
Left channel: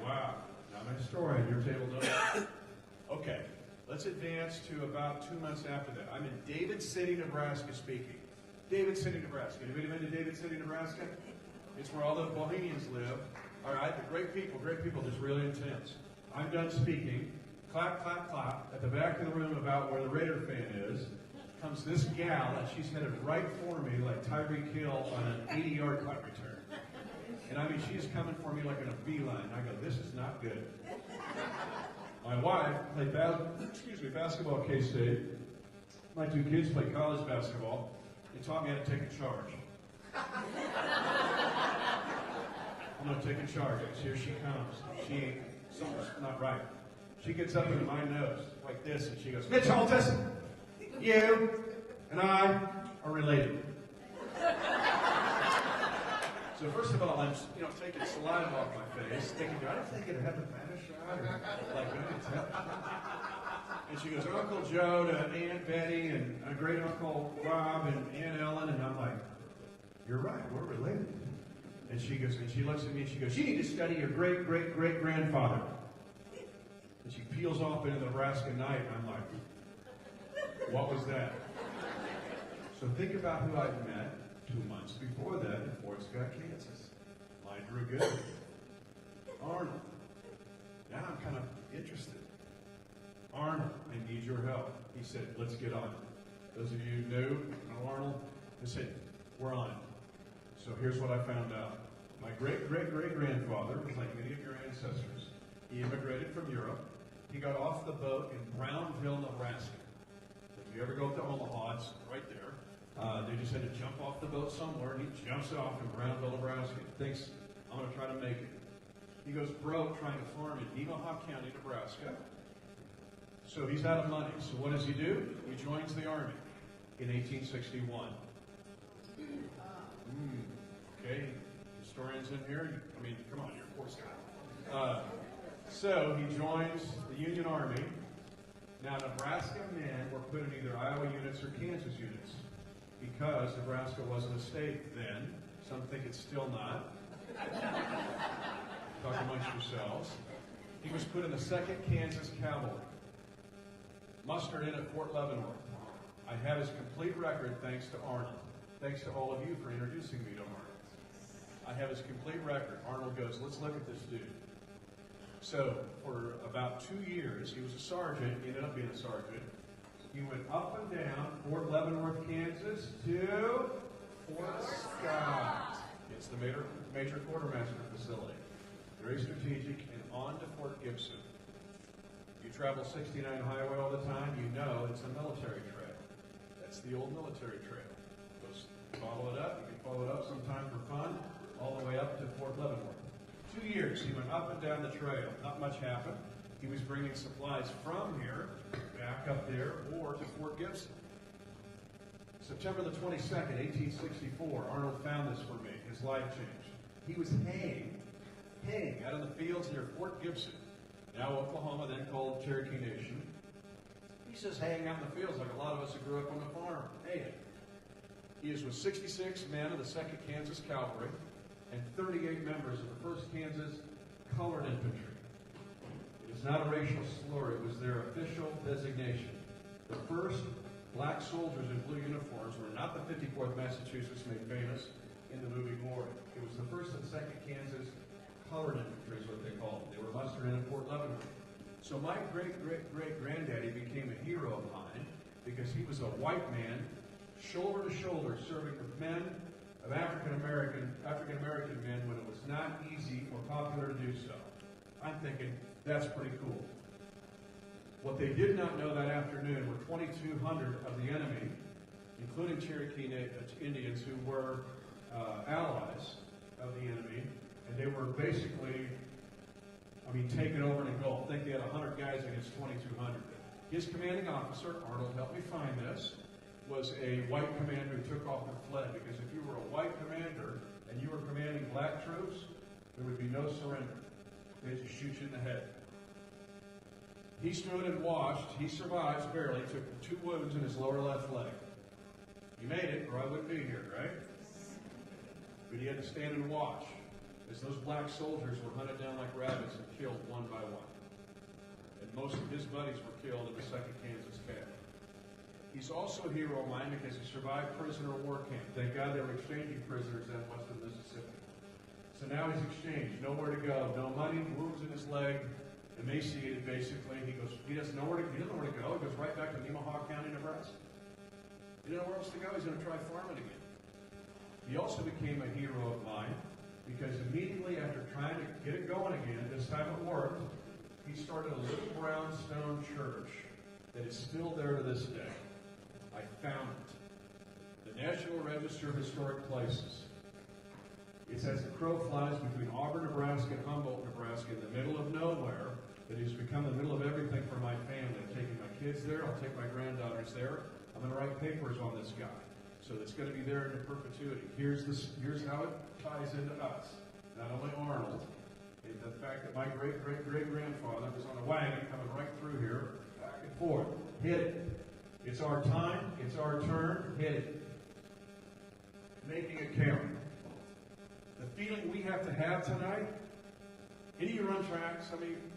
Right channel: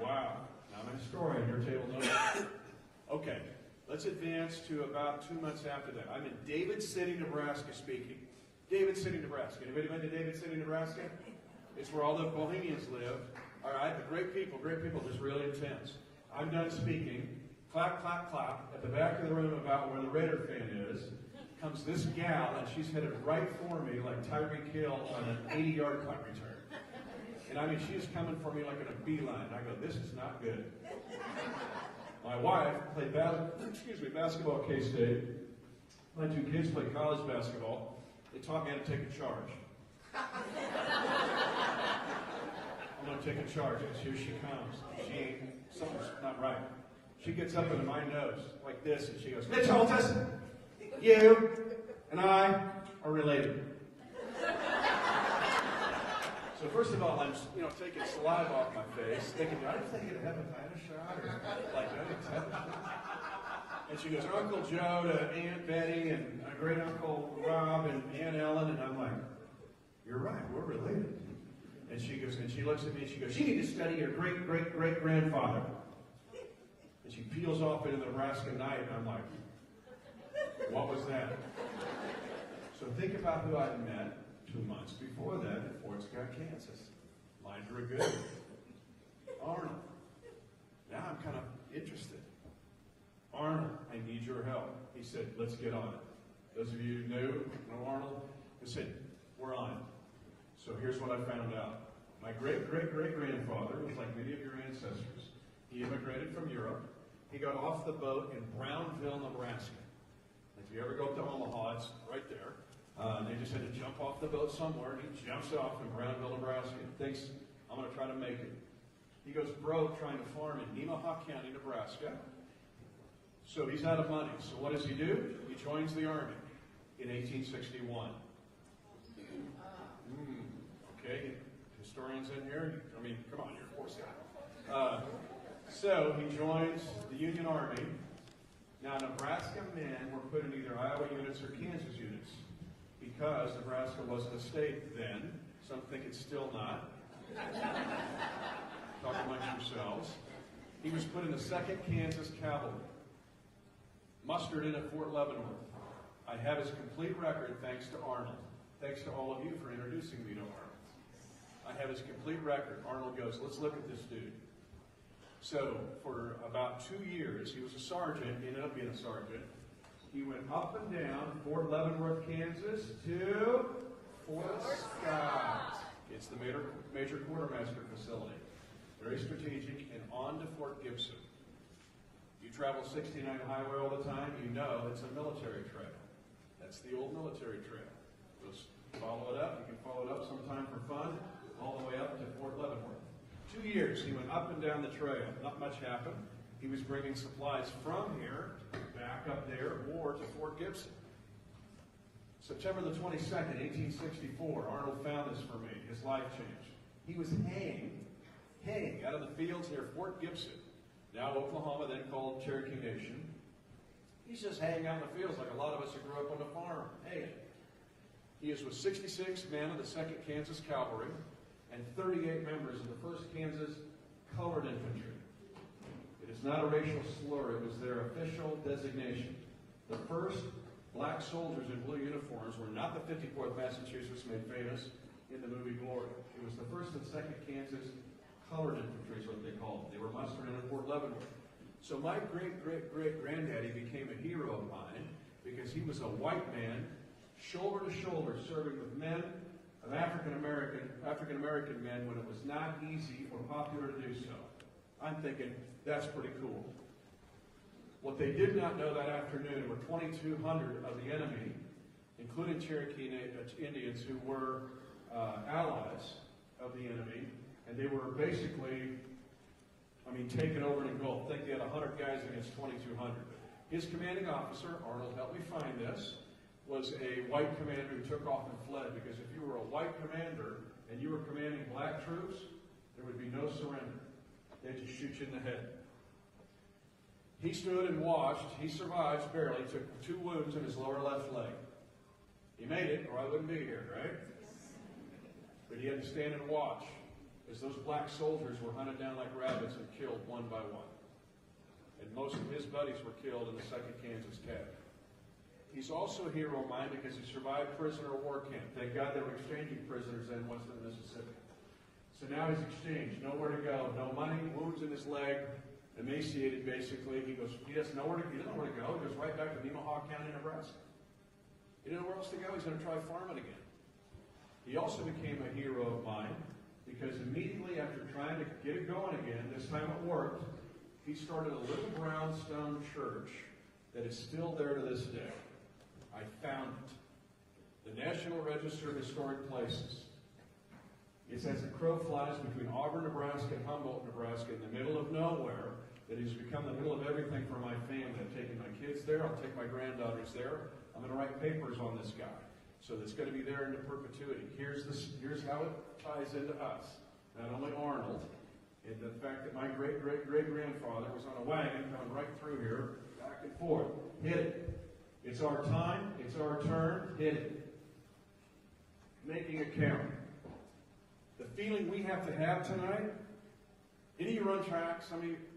wow. Now I'm a historian, your table knows. Okay, let's advance to about 2 months after that. I'm in David City, Nebraska speaking. David City, Nebraska. Anybody been to David City, Nebraska? It's where all the Bohemians live. All right, the great people, just really intense. I'm done speaking. Clap, clap, clap. At the back of the room about where the Raider fan is, comes this gal, and she's headed right for me like Tyreek Hill on an 80-yard punt return. And she's coming for me like in a beeline. I go, this is not good. My wife played basketball at K-State. My two kids played college basketball. They taught me how to take a charge. I'm going to take a charge because here she comes. Something's not right. She gets up into my nose like this and she goes, Mitch Holthus, you and I are related. So first of all, I'm taking saliva off my face, thinking, do I think of hepatitis or like and she goes, Uncle Joe to Aunt Betty and great Uncle Rob and Aunt Ellen, and I'm like, you're right, we're related. And she goes, and she looks at me and she goes, you need to study your great great great grandfather. And she peels off into the Nebraska night, and I'm like, what was that? So think about who I'd met 2 months before that in Fort Scott, Kansas. Mine drew good. Arnold. Now I'm kind of interested. Arnold, I need your help. He said, let's get on it. Those of you who know Arnold, he said, we're on it. So here's what I found out. My great-great-great-grandfather was like many of your ancestors. He immigrated from Europe. He got off the boat in Brownville, Nebraska. If you ever go up to Omaha, it's right there. They just had to jump off the boat somewhere, and he jumps off in Brownville, Nebraska. Thinks, I'm going to try to make it. He goes broke trying to farm in Nemaha County, Nebraska. So he's out of money. So what does he do? He joins the Army in 1861. Okay, historians in here? I mean, come on, you're a Boy Scout. So he joins the Union Army. Now, Nebraska men were put in either Iowa units or Kansas units because Nebraska wasn't a state then. Some think it's still not. Talk amongst yourselves. He was put in the 2nd Kansas Cavalry, mustered in at Fort Leavenworth. I have his complete record thanks to Arnold. Thanks to all of you for introducing me to Arnold. I have his complete record. Arnold goes, let's look at this dude. So for about 2 years, he was a sergeant, ended up being a sergeant. He went up and down Fort Leavenworth, Kansas to Fort Scott. It's the major quartermaster facility. Very strategic, and on to Fort Gibson. You travel 69 highway all the time, you know it's a military trail. That's the old military trail. Just follow it up. You can follow it up sometime for fun, all the way up to Fort Leavenworth. 2 years, he went up and down the trail. Not much happened. He was bringing supplies from here, back up there, or to Fort Gibson. September the 22nd, 1864, Arnold found this for me. His life changed. He was haying out in the fields near Fort Gibson, now Oklahoma, then called Cherokee Nation. He's just hanging out in the fields like a lot of us who grew up on the farm. Hey, he is with 66 men of the 2nd Kansas Cavalry and 38 members of the 1st Kansas Colored Infantry. It is not a racial slur, it was their official designation. The first black soldiers in blue uniforms were not the 54th Massachusetts made famous in the movie Glory. It was the 1st and 2nd Kansas Colored Infantry is what they called it. They were mustered in at Fort Leavenworth. So my great-great-great-granddaddy became a hero of mine because he was a white man, shoulder to shoulder, serving with men of African American men when it was not easy or popular to do so. I'm thinking, that's pretty cool. What they did not know that afternoon, with 2,200 of the enemy, including Cherokee Indians who were allies of the enemy, and they were basically, taken over and engulfed. I think they had 100 guys against 2,200. His commanding officer, Arnold helped me find this, was a white commander who took off and fled, because if you were a white commander and you were commanding black troops, there would be no surrender. They'd just shoot you in the head. He stood and watched. He survived barely, took 2 wounds in his lower left leg. He made it, or I wouldn't be here, right? But he had to stand and watch as those black soldiers were hunted down like rabbits and killed one by one. And most of his buddies were killed in the 2nd Kansas Cav. He's also a hero of mine because he survived prisoner of war camp. Thank God they were exchanging prisoners in western Mississippi. So now he's exchanged, nowhere to go, no money, wounds in his leg, emaciated basically. He doesn't know where to go. He goes right back to Nemaha County, Nebraska. He didn't know where else to go. He's going to try farming again. He also became a hero of mine because immediately after trying to get it going again, this time it worked, he started a little brownstone church that is still there to this day. I found it. The National Register of Historic Places. It's as the crow flies between Auburn, Nebraska, and Humboldt, Nebraska, in the middle of nowhere, that has become the middle of everything for my family. I've taken my kids there. I'll take my granddaughters there. I'm going to write papers on this guy. So that's going to be there into perpetuity. Here's how it ties into us. Not only Arnold, and the fact that my great-great-great-grandfather was on a wagon coming right through here, back and forth. Hit it. It's our time. It's our turn. Hit it. Making it count. The feeling we have to have tonight, any of you run track?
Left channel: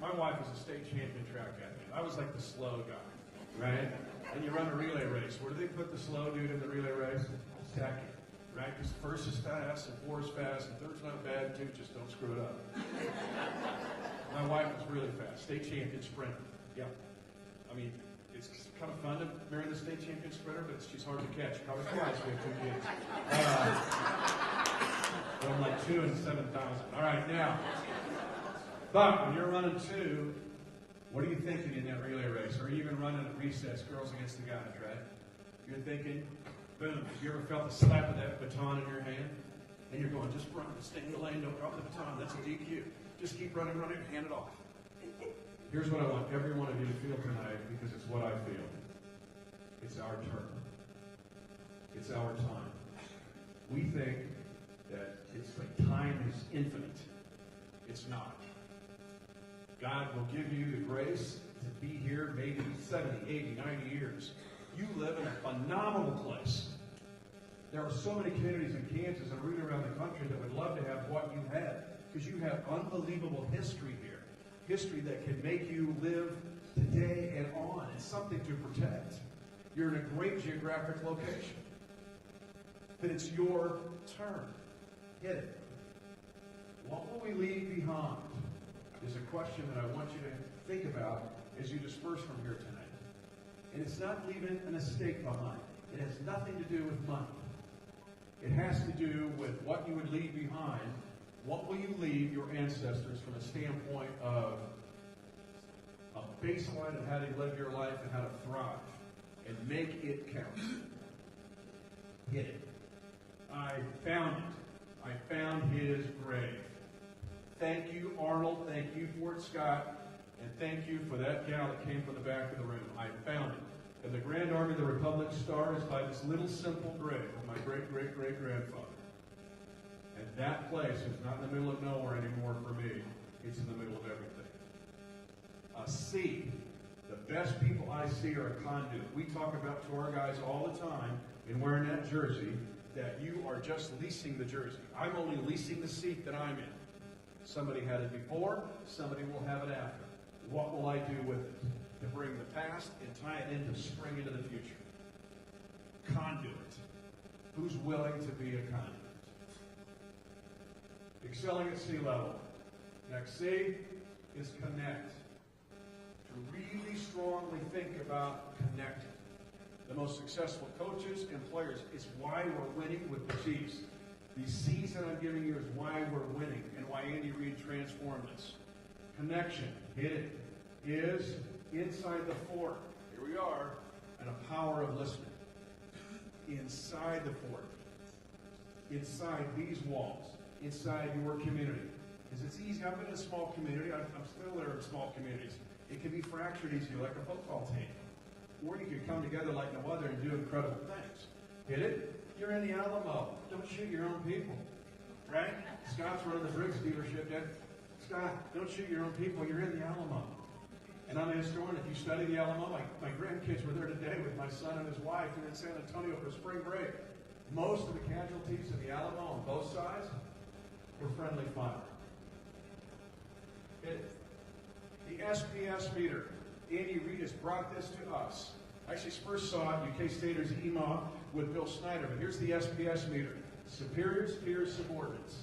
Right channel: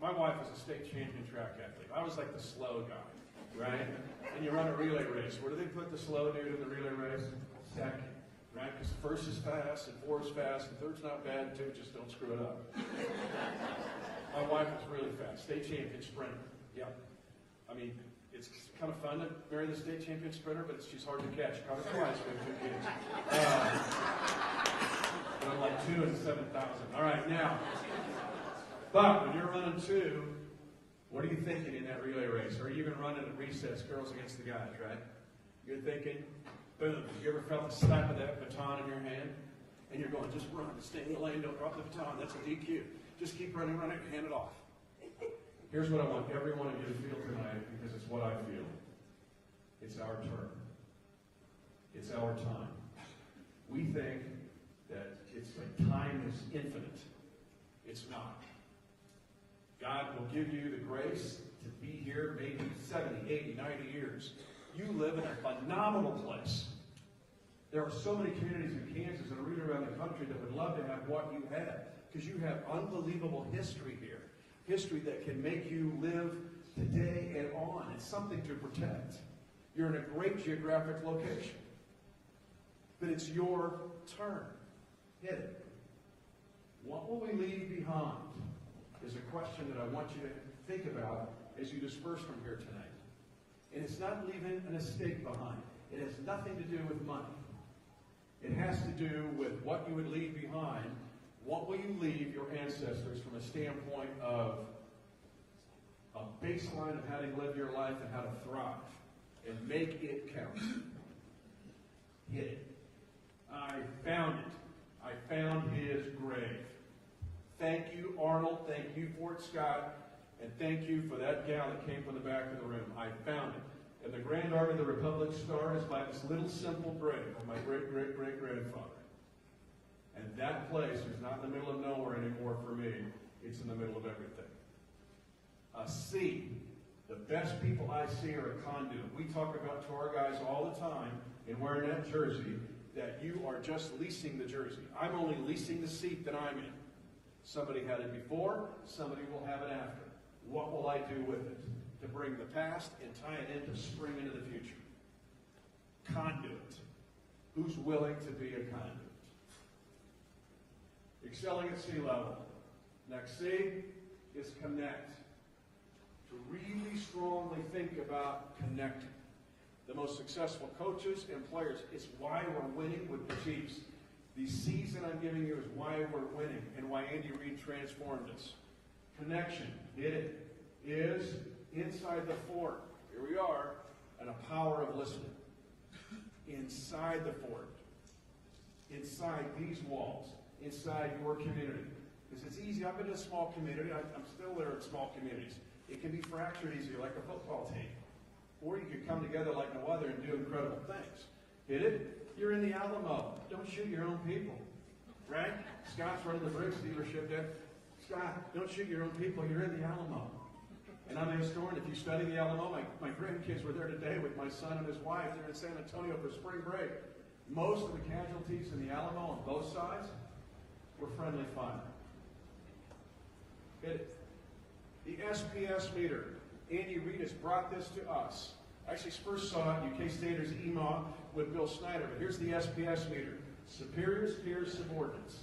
My wife was a state champion track athlete. I was like the slow guy, right? And you run a relay race. Where do they put the slow dude in the relay race? Second, right? Because first is fast, and four is fast, and third's not bad, two, just don't screw it up. My wife was really fast. State champion sprinter. Yep. I mean, it's kind of fun to marry the state champion sprinter, but she's hard to catch. Probably flies with 2 kids. Run like 2 and 7,000. All right, now. But when you're running 2, what are you thinking in that relay race? Or even running at recess, girls against the guys, right? You're thinking, boom. Have you ever felt the slap of that baton in your hand? And you're going, just run, stay in the lane, don't drop the baton. That's a DQ. Just keep running, and hand it off. Here's what I want every one of you to feel tonight, because it's what I feel. It's our turn. It's our time. We think that it's like time is infinite. It's not. God will give you the grace to be here maybe 70, 80, 90 years. You live in a phenomenal place. There are so many communities in Kansas and rooted around the country that would love to have what you had, because you have unbelievable history here. History that can make you live today and on. It's something to protect. You're in a great geographic location. But it's your turn. Hit it. What will we leave behind is a question that I want you to think about as you disperse from here tonight. And it's not leaving an estate behind. It has nothing to do with money. It has to do with what you would leave behind. What will you leave your ancestors from a standpoint of a baseline of how to live your life and how to thrive? And make it count. Hit it. I found it. I found his grave. Thank you, Arnold. Thank you, Fort Scott. And thank you for that gal that came from the back of the room. I found it. And the Grand Army of the Republic stars by this little simple grave of my great-great-great-grandfather. And that place is not in the middle of nowhere anymore for me. It's in the middle of everything. A sea. The best people I see are a conduit. We talk about to our guys all the time in wearing that jersey that you are just leasing the jersey. I'm only leasing the seat that I'm in. Somebody had it before, somebody will have it after. What will I do with it? To bring the past and tie it into spring into the future. Conduit. Who's willing to be a conduit? Excelling at sea level. Next C is connect. To really strongly think about connecting. The most successful coaches and players, it's why we're winning with the Chiefs. These C's that I'm giving you is why we're winning and why Andy Reid transformed us. Connection, hit it, is inside the fort. Here we are, and a power of listening. Inside the fort. Inside these walls. Inside your community. Because it's easy. I've been in a small community. I'm still there in small communities. It can be fractured easier like a football team. Or you can come together like no other and do incredible things. Hit it? You're in the Alamo. Don't shoot your own people. Right? Scott's running the Briggs dealership. Scott, don't shoot your own people. You're in the Alamo. And I'm a historian. If you study the Alamo, my grandkids were there today with my son and his wife. They're in San Antonio for spring break. Most of the casualties in the Alamo on both sides were friendly fire. Hit it. The SPS meter. Andy Reid has brought this to us. Actually, first saw it in UK Staters EMA with Bill Snyder. But here's the SPS meter. Superiors, peers, subordinates.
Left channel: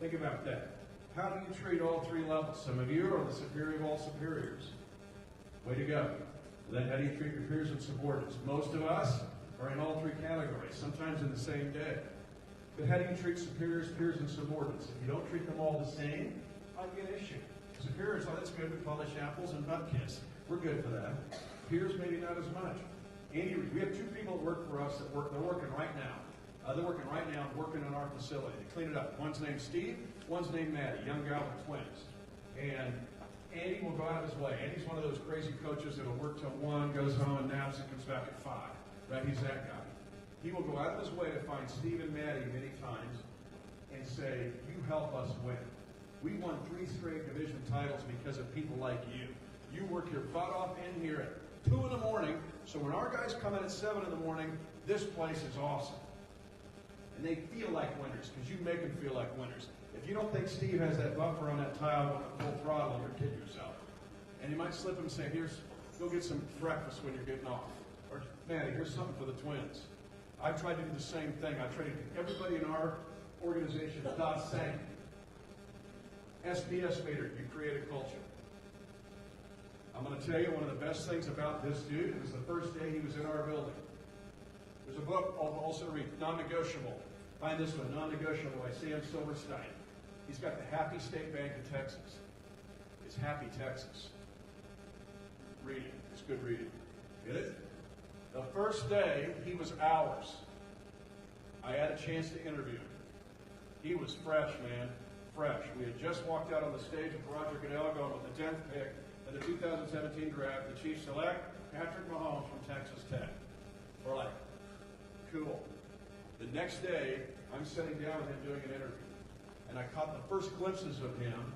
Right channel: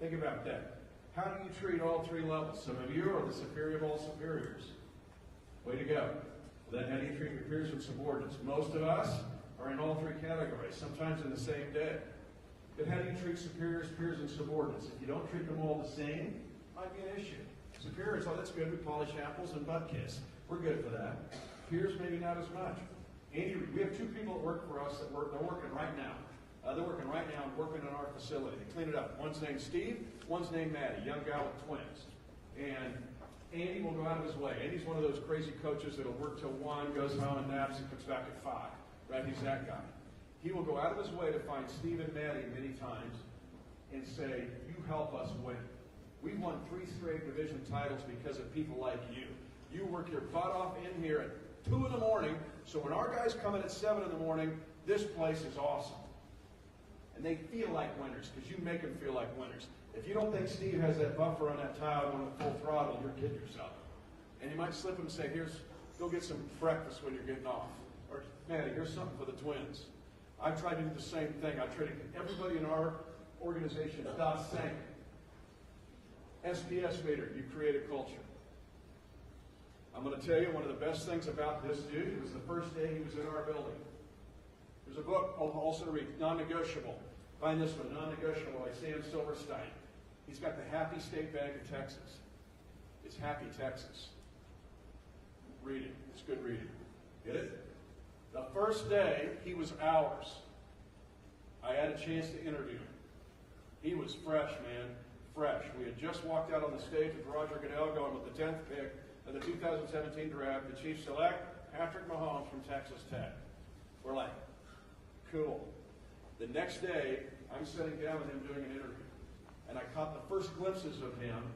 Think about that. How do you treat all three levels? Some of you are the superior of all superiors. Way to go. Then how do you treat your peers and subordinates? Most of us are in all three categories, sometimes in the same day. But how do you treat superiors, peers, and subordinates? If you don't treat them all the same, might be an issue. Superiors, well, that's good. We polish apples and butt kiss. We're good for that. Peers, maybe not as much. Andy, we have two people that work for us they're working right now. They're working right now working on our facility to clean it up. One's named Steve, one's named Maddie, young guy with twins. And Andy will go out of his way. Andy's one of those crazy coaches that'll work till 1, goes home and naps and comes back at 5. Right? He's that guy. He will go out of his way to find Steve and Maddie many times and say, you help us win. We won 3 straight division titles because of people like you. You work your butt off in here at 2 in the morning, so when our guys come in at 7 in the morning, this place is awesome. And they feel like winners because you make them feel like winners. If you don't think Steve has that buffer on that tile going at full throttle, you're kidding yourself. And he might slip him and say, go get some breakfast when you're getting off. Or, Maddie, here's something for the twins. I tried to do the same thing. I tried to get everybody in our organization the same. SBS leader, you create a culture. I'm going to tell you one of the best things about this dude was the first day he was in our building. There's a book also to read, Non-Negotiable. Find this one, Non-Negotiable by Sam Silverstein. He's got the Happy State Bank of Texas. It's Happy Texas. Read it. It's good reading. Get it? The first day, he was ours. I had a chance to interview him. He was fresh, man. Fresh. We had just walked out on the stage with Roger Goodell going with the 10th pick of the 2017 draft. The Chiefs select Patrick Mahomes from Texas Tech. We're like, cool. The next day, I'm sitting down with him doing an interview. And I caught the first glimpses of him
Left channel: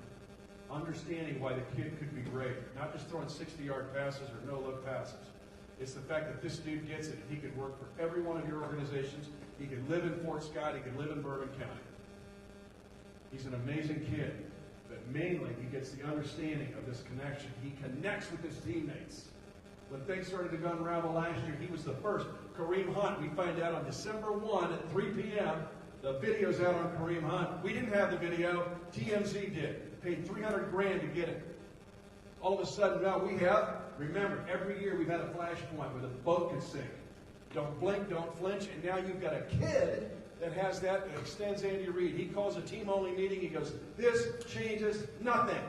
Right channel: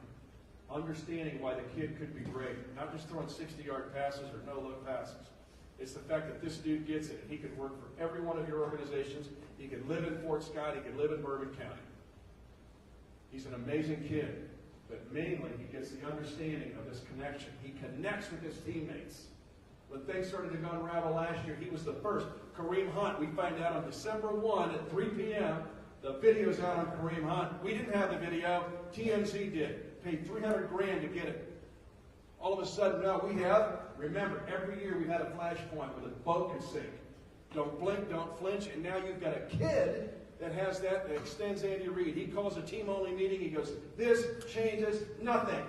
understanding why the kid could be great. Not just throwing 60-yard passes or no-look passes. It's the fact that this dude gets it. He could work for every one of your organizations. He could live in Fort Scott. He could live in Bourbon County. He's an amazing kid. But mainly, he gets the understanding of this connection. He connects with his teammates. When things started to go unravel last year, he was the first. Kareem Hunt, we find out on December 1 at 3 p.m., the video's out on Kareem Hunt. We didn't have the video. TMZ did. Paid $300,000 to get it. All of a sudden, now we have, remember, every year we've had a flashpoint where the boat could sink. Don't blink, don't flinch, and now you've got a kid that has that extends Andy Reid. He calls a team-only meeting. He goes, this changes nothing.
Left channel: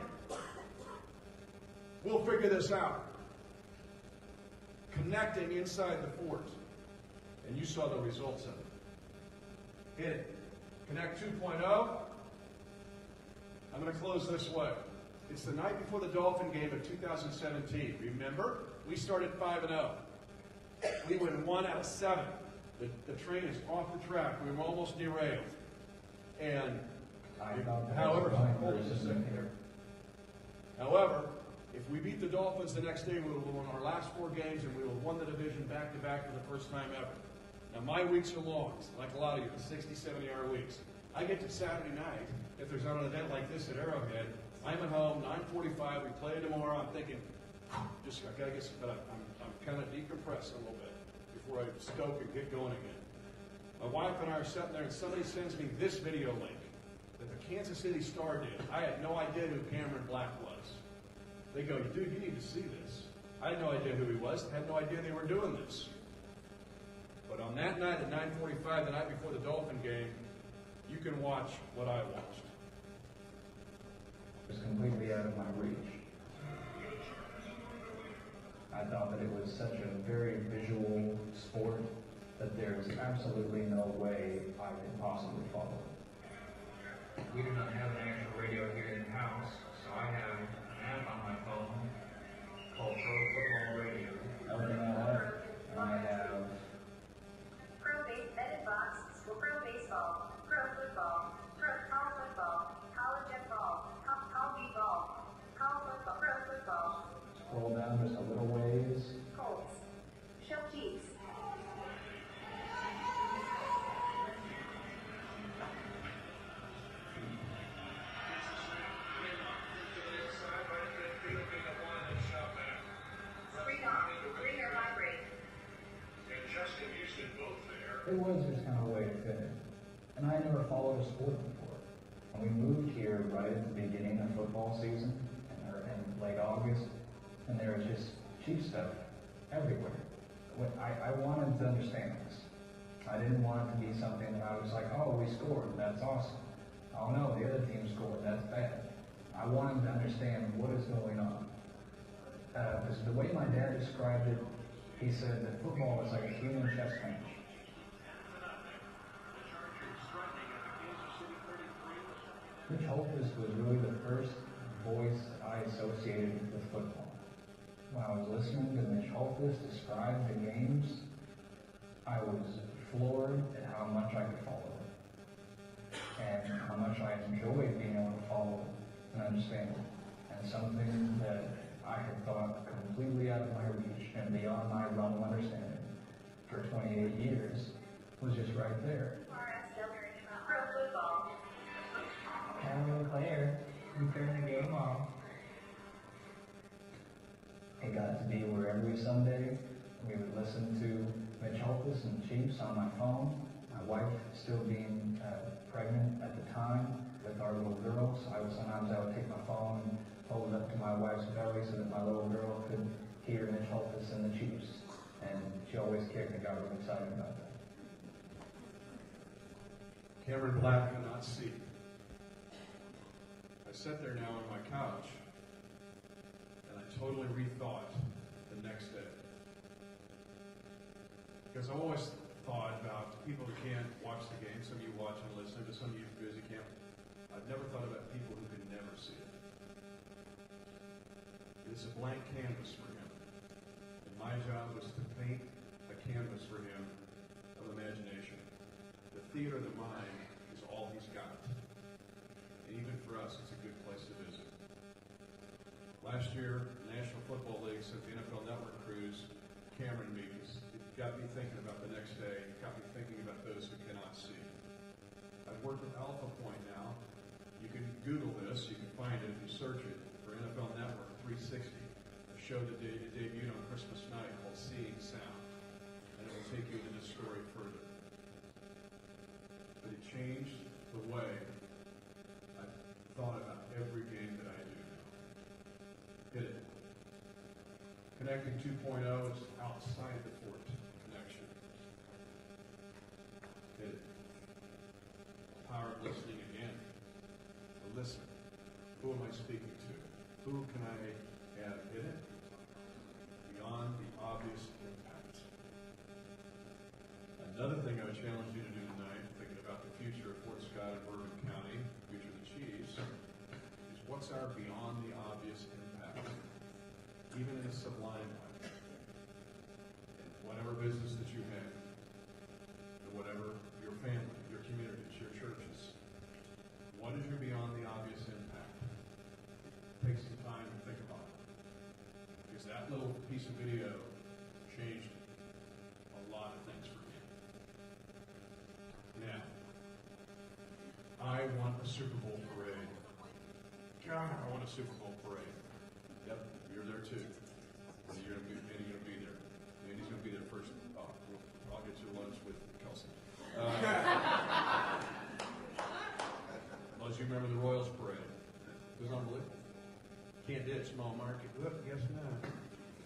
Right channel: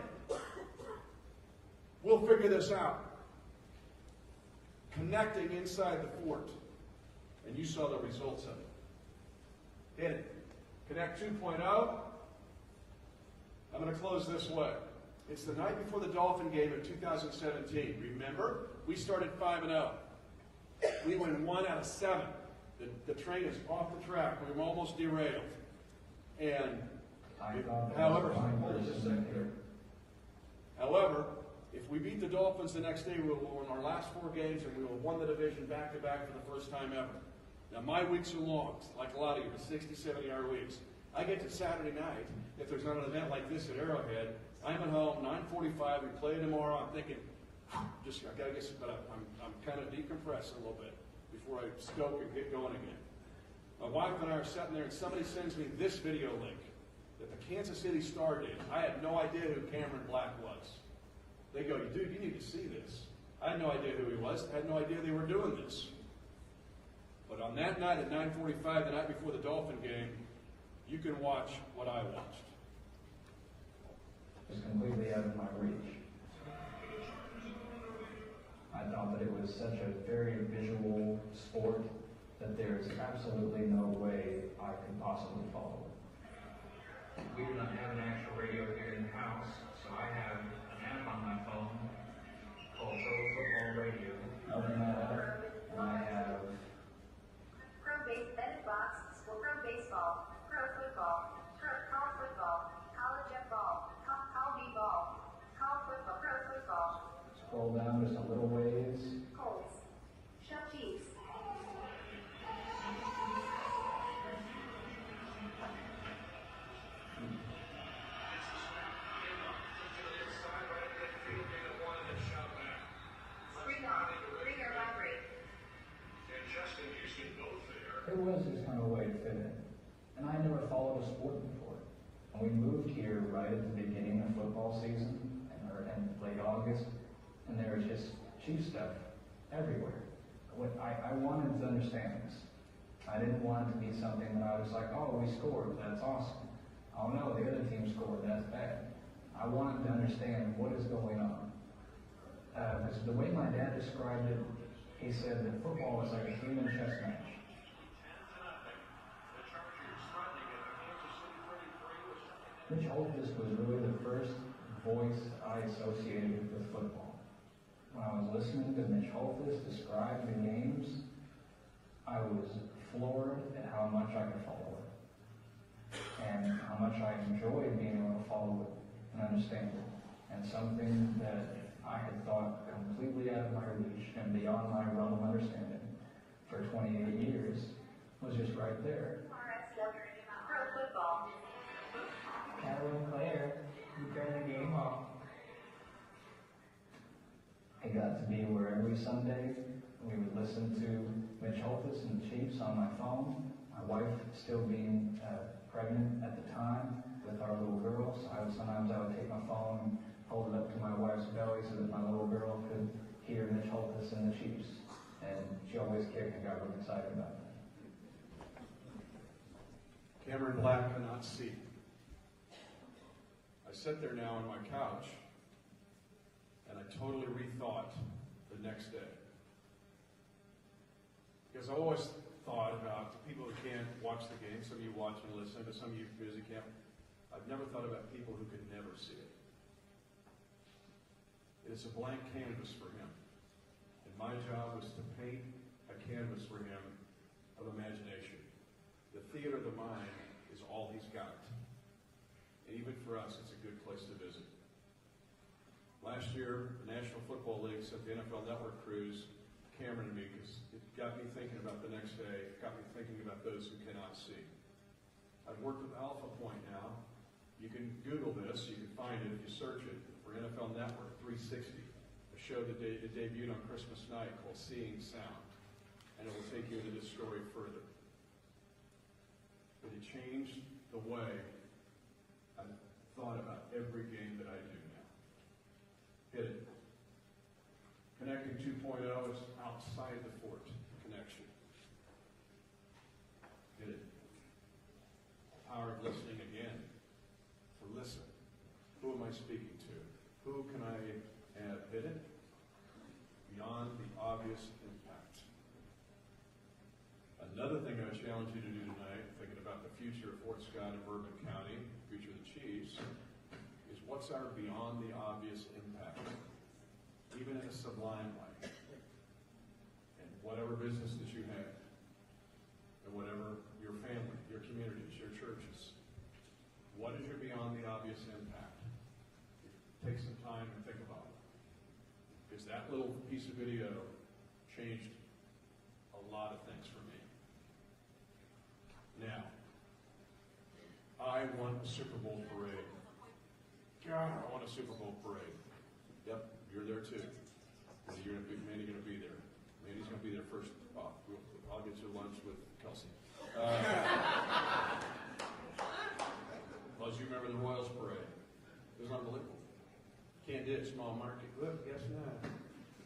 We'll figure this out. Connecting inside the fort. And you saw the results of it. Hit it. Connect 2.0. I'm going to close this way. It's the night before the Dolphin game of 2017. Remember? We started 5-0. We win 1 out of 7. The train is off the track. We were almost derailed. And, however, if we beat the Dolphins the next day, we will win our last 4 games, and we will win the division back-to-back for the first time ever. Now, my weeks are long, like a lot of you, the 60, 70-hour weeks. I get to Saturday night, if there's not an event like this at Arrowhead, I'm at home, 9:45, we play tomorrow. I'm thinking, I gotta get some, but I'm kind of decompressing a little bit before I stoke and get going again. My wife and I are sitting there, and somebody sends me this video link that the Kansas City Star did. I had no idea who Cameron Black was. They go, dude, you need to see this. I had no idea who he was. I had no idea they were doing this. But on that night at 9:45, the night before the Dolphin game, you can watch what I watched. It's completely out of my reach. I thought that it was such a very visual sport that there is absolutely no way I could possibly follow it. We do not have an actual radio here in the house, so I have an app on my phone called Pro Football Radio. Other than that, I have Pro Bennett Box for Pro Baseball, Pro Football, Pro College Football, College Football, College Ball, College Football, Pro Football. scroll down just a little ways. Colts, Shefties. There was just kind of a way to fit it. And I never followed a sport before. And we moved here right at the beginning of football season, in late August, and there was just cheap stuff everywhere. I wanted to understand this. I didn't want it to be something that I was like, oh, we scored, that's awesome. Oh no, the other team scored, that's bad. I wanted to understand what is going on. Because the way my dad described it, he said that football is like a human chess match. Mitch Holthus was really the first voice I associated with football. When I was listening to Mitch Holthus describe the games, I was floored at how much I could follow it, and how much I enjoyed being able to follow it and understand it. And something that I had thought completely out of my reach and beyond my realm of understanding for 28 years was just right there. Pro football. Callum Claire, we turned the game on. It got to be where every Sunday we would listen to Mitch Holthus and the Chiefs on my phone. My wife still being pregnant at the time with our little girl, so sometimes I would take my phone, hold it up to my wife's belly so that my little girl could hear Mitch Holthus and the Chiefs. And she always got really excited about it. Cameron Black cannot see. I sit there now on my couch, and I totally rethought the next day. Because I always thought about people who can't watch the game. Some of you watch and listen, to some of you busy can't. I've never thought about people who could never see it. It is a blank canvas for him. And my job was to paint a canvas for him of imagination. The theater of the mind is all he's got. And even for us, it's a good place to visit. Last year, the National Football League sent the NFL Network crews Cameron to me because it got me thinking about the next day, got me thinking about those who cannot see. I've worked with Alpha Point now. You can Google this, you can find it if you search it for NFL Network 360. A show that debuted on Christmas night called Seeing Sound. And it will take you into this story further. But it changed the way I thought about every game that I do now. Hit it. Connecting 2.0 is outside the fort connection. Hit it. The power of listening again. To listen. Who am I speaking to? Who can I have in it? Beyond the obvious impact. Another thing I would challenge you to do tonight, thinking about the future of Fort Scott and Bourbon County, future of the Chiefs, is what's our beyond the obvious impact, even in a sublime way, in whatever business that you have, and whatever your family, your communities, your churches. What is your beyond the obvious impact? Take some time to think about it. Because that little piece of video changed a lot of things for me. Now, I want a Super Bowl parade. God, I want a Super Bowl parade. Yep, you're there too. Manny's going to be there. Manny's going to be there first. Oh, I'll get you lunch with Kelsey. Well, as you remember the Royals parade. It was unbelievable. Can't ditch small market. Well, guess not.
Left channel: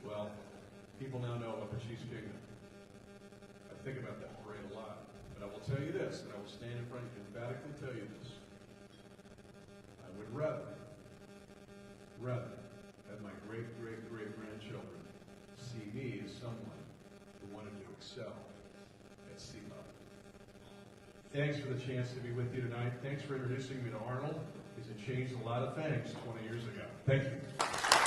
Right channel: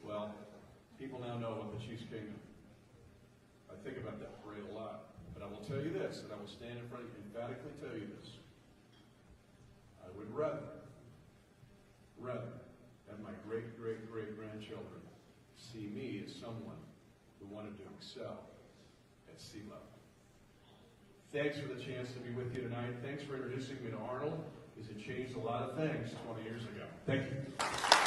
Well, people now know about the Chiefs Kingdom. I think about that parade a lot. But I will tell you this, and I will stand in front and emphatically tell you this. I would rather have my great-great-great-grandchildren see me as someone who wanted to excel at sea level. Thanks for the chance to be with you tonight. Thanks for introducing me to Arnold, because it changed a lot of things 20 years ago. Thank you.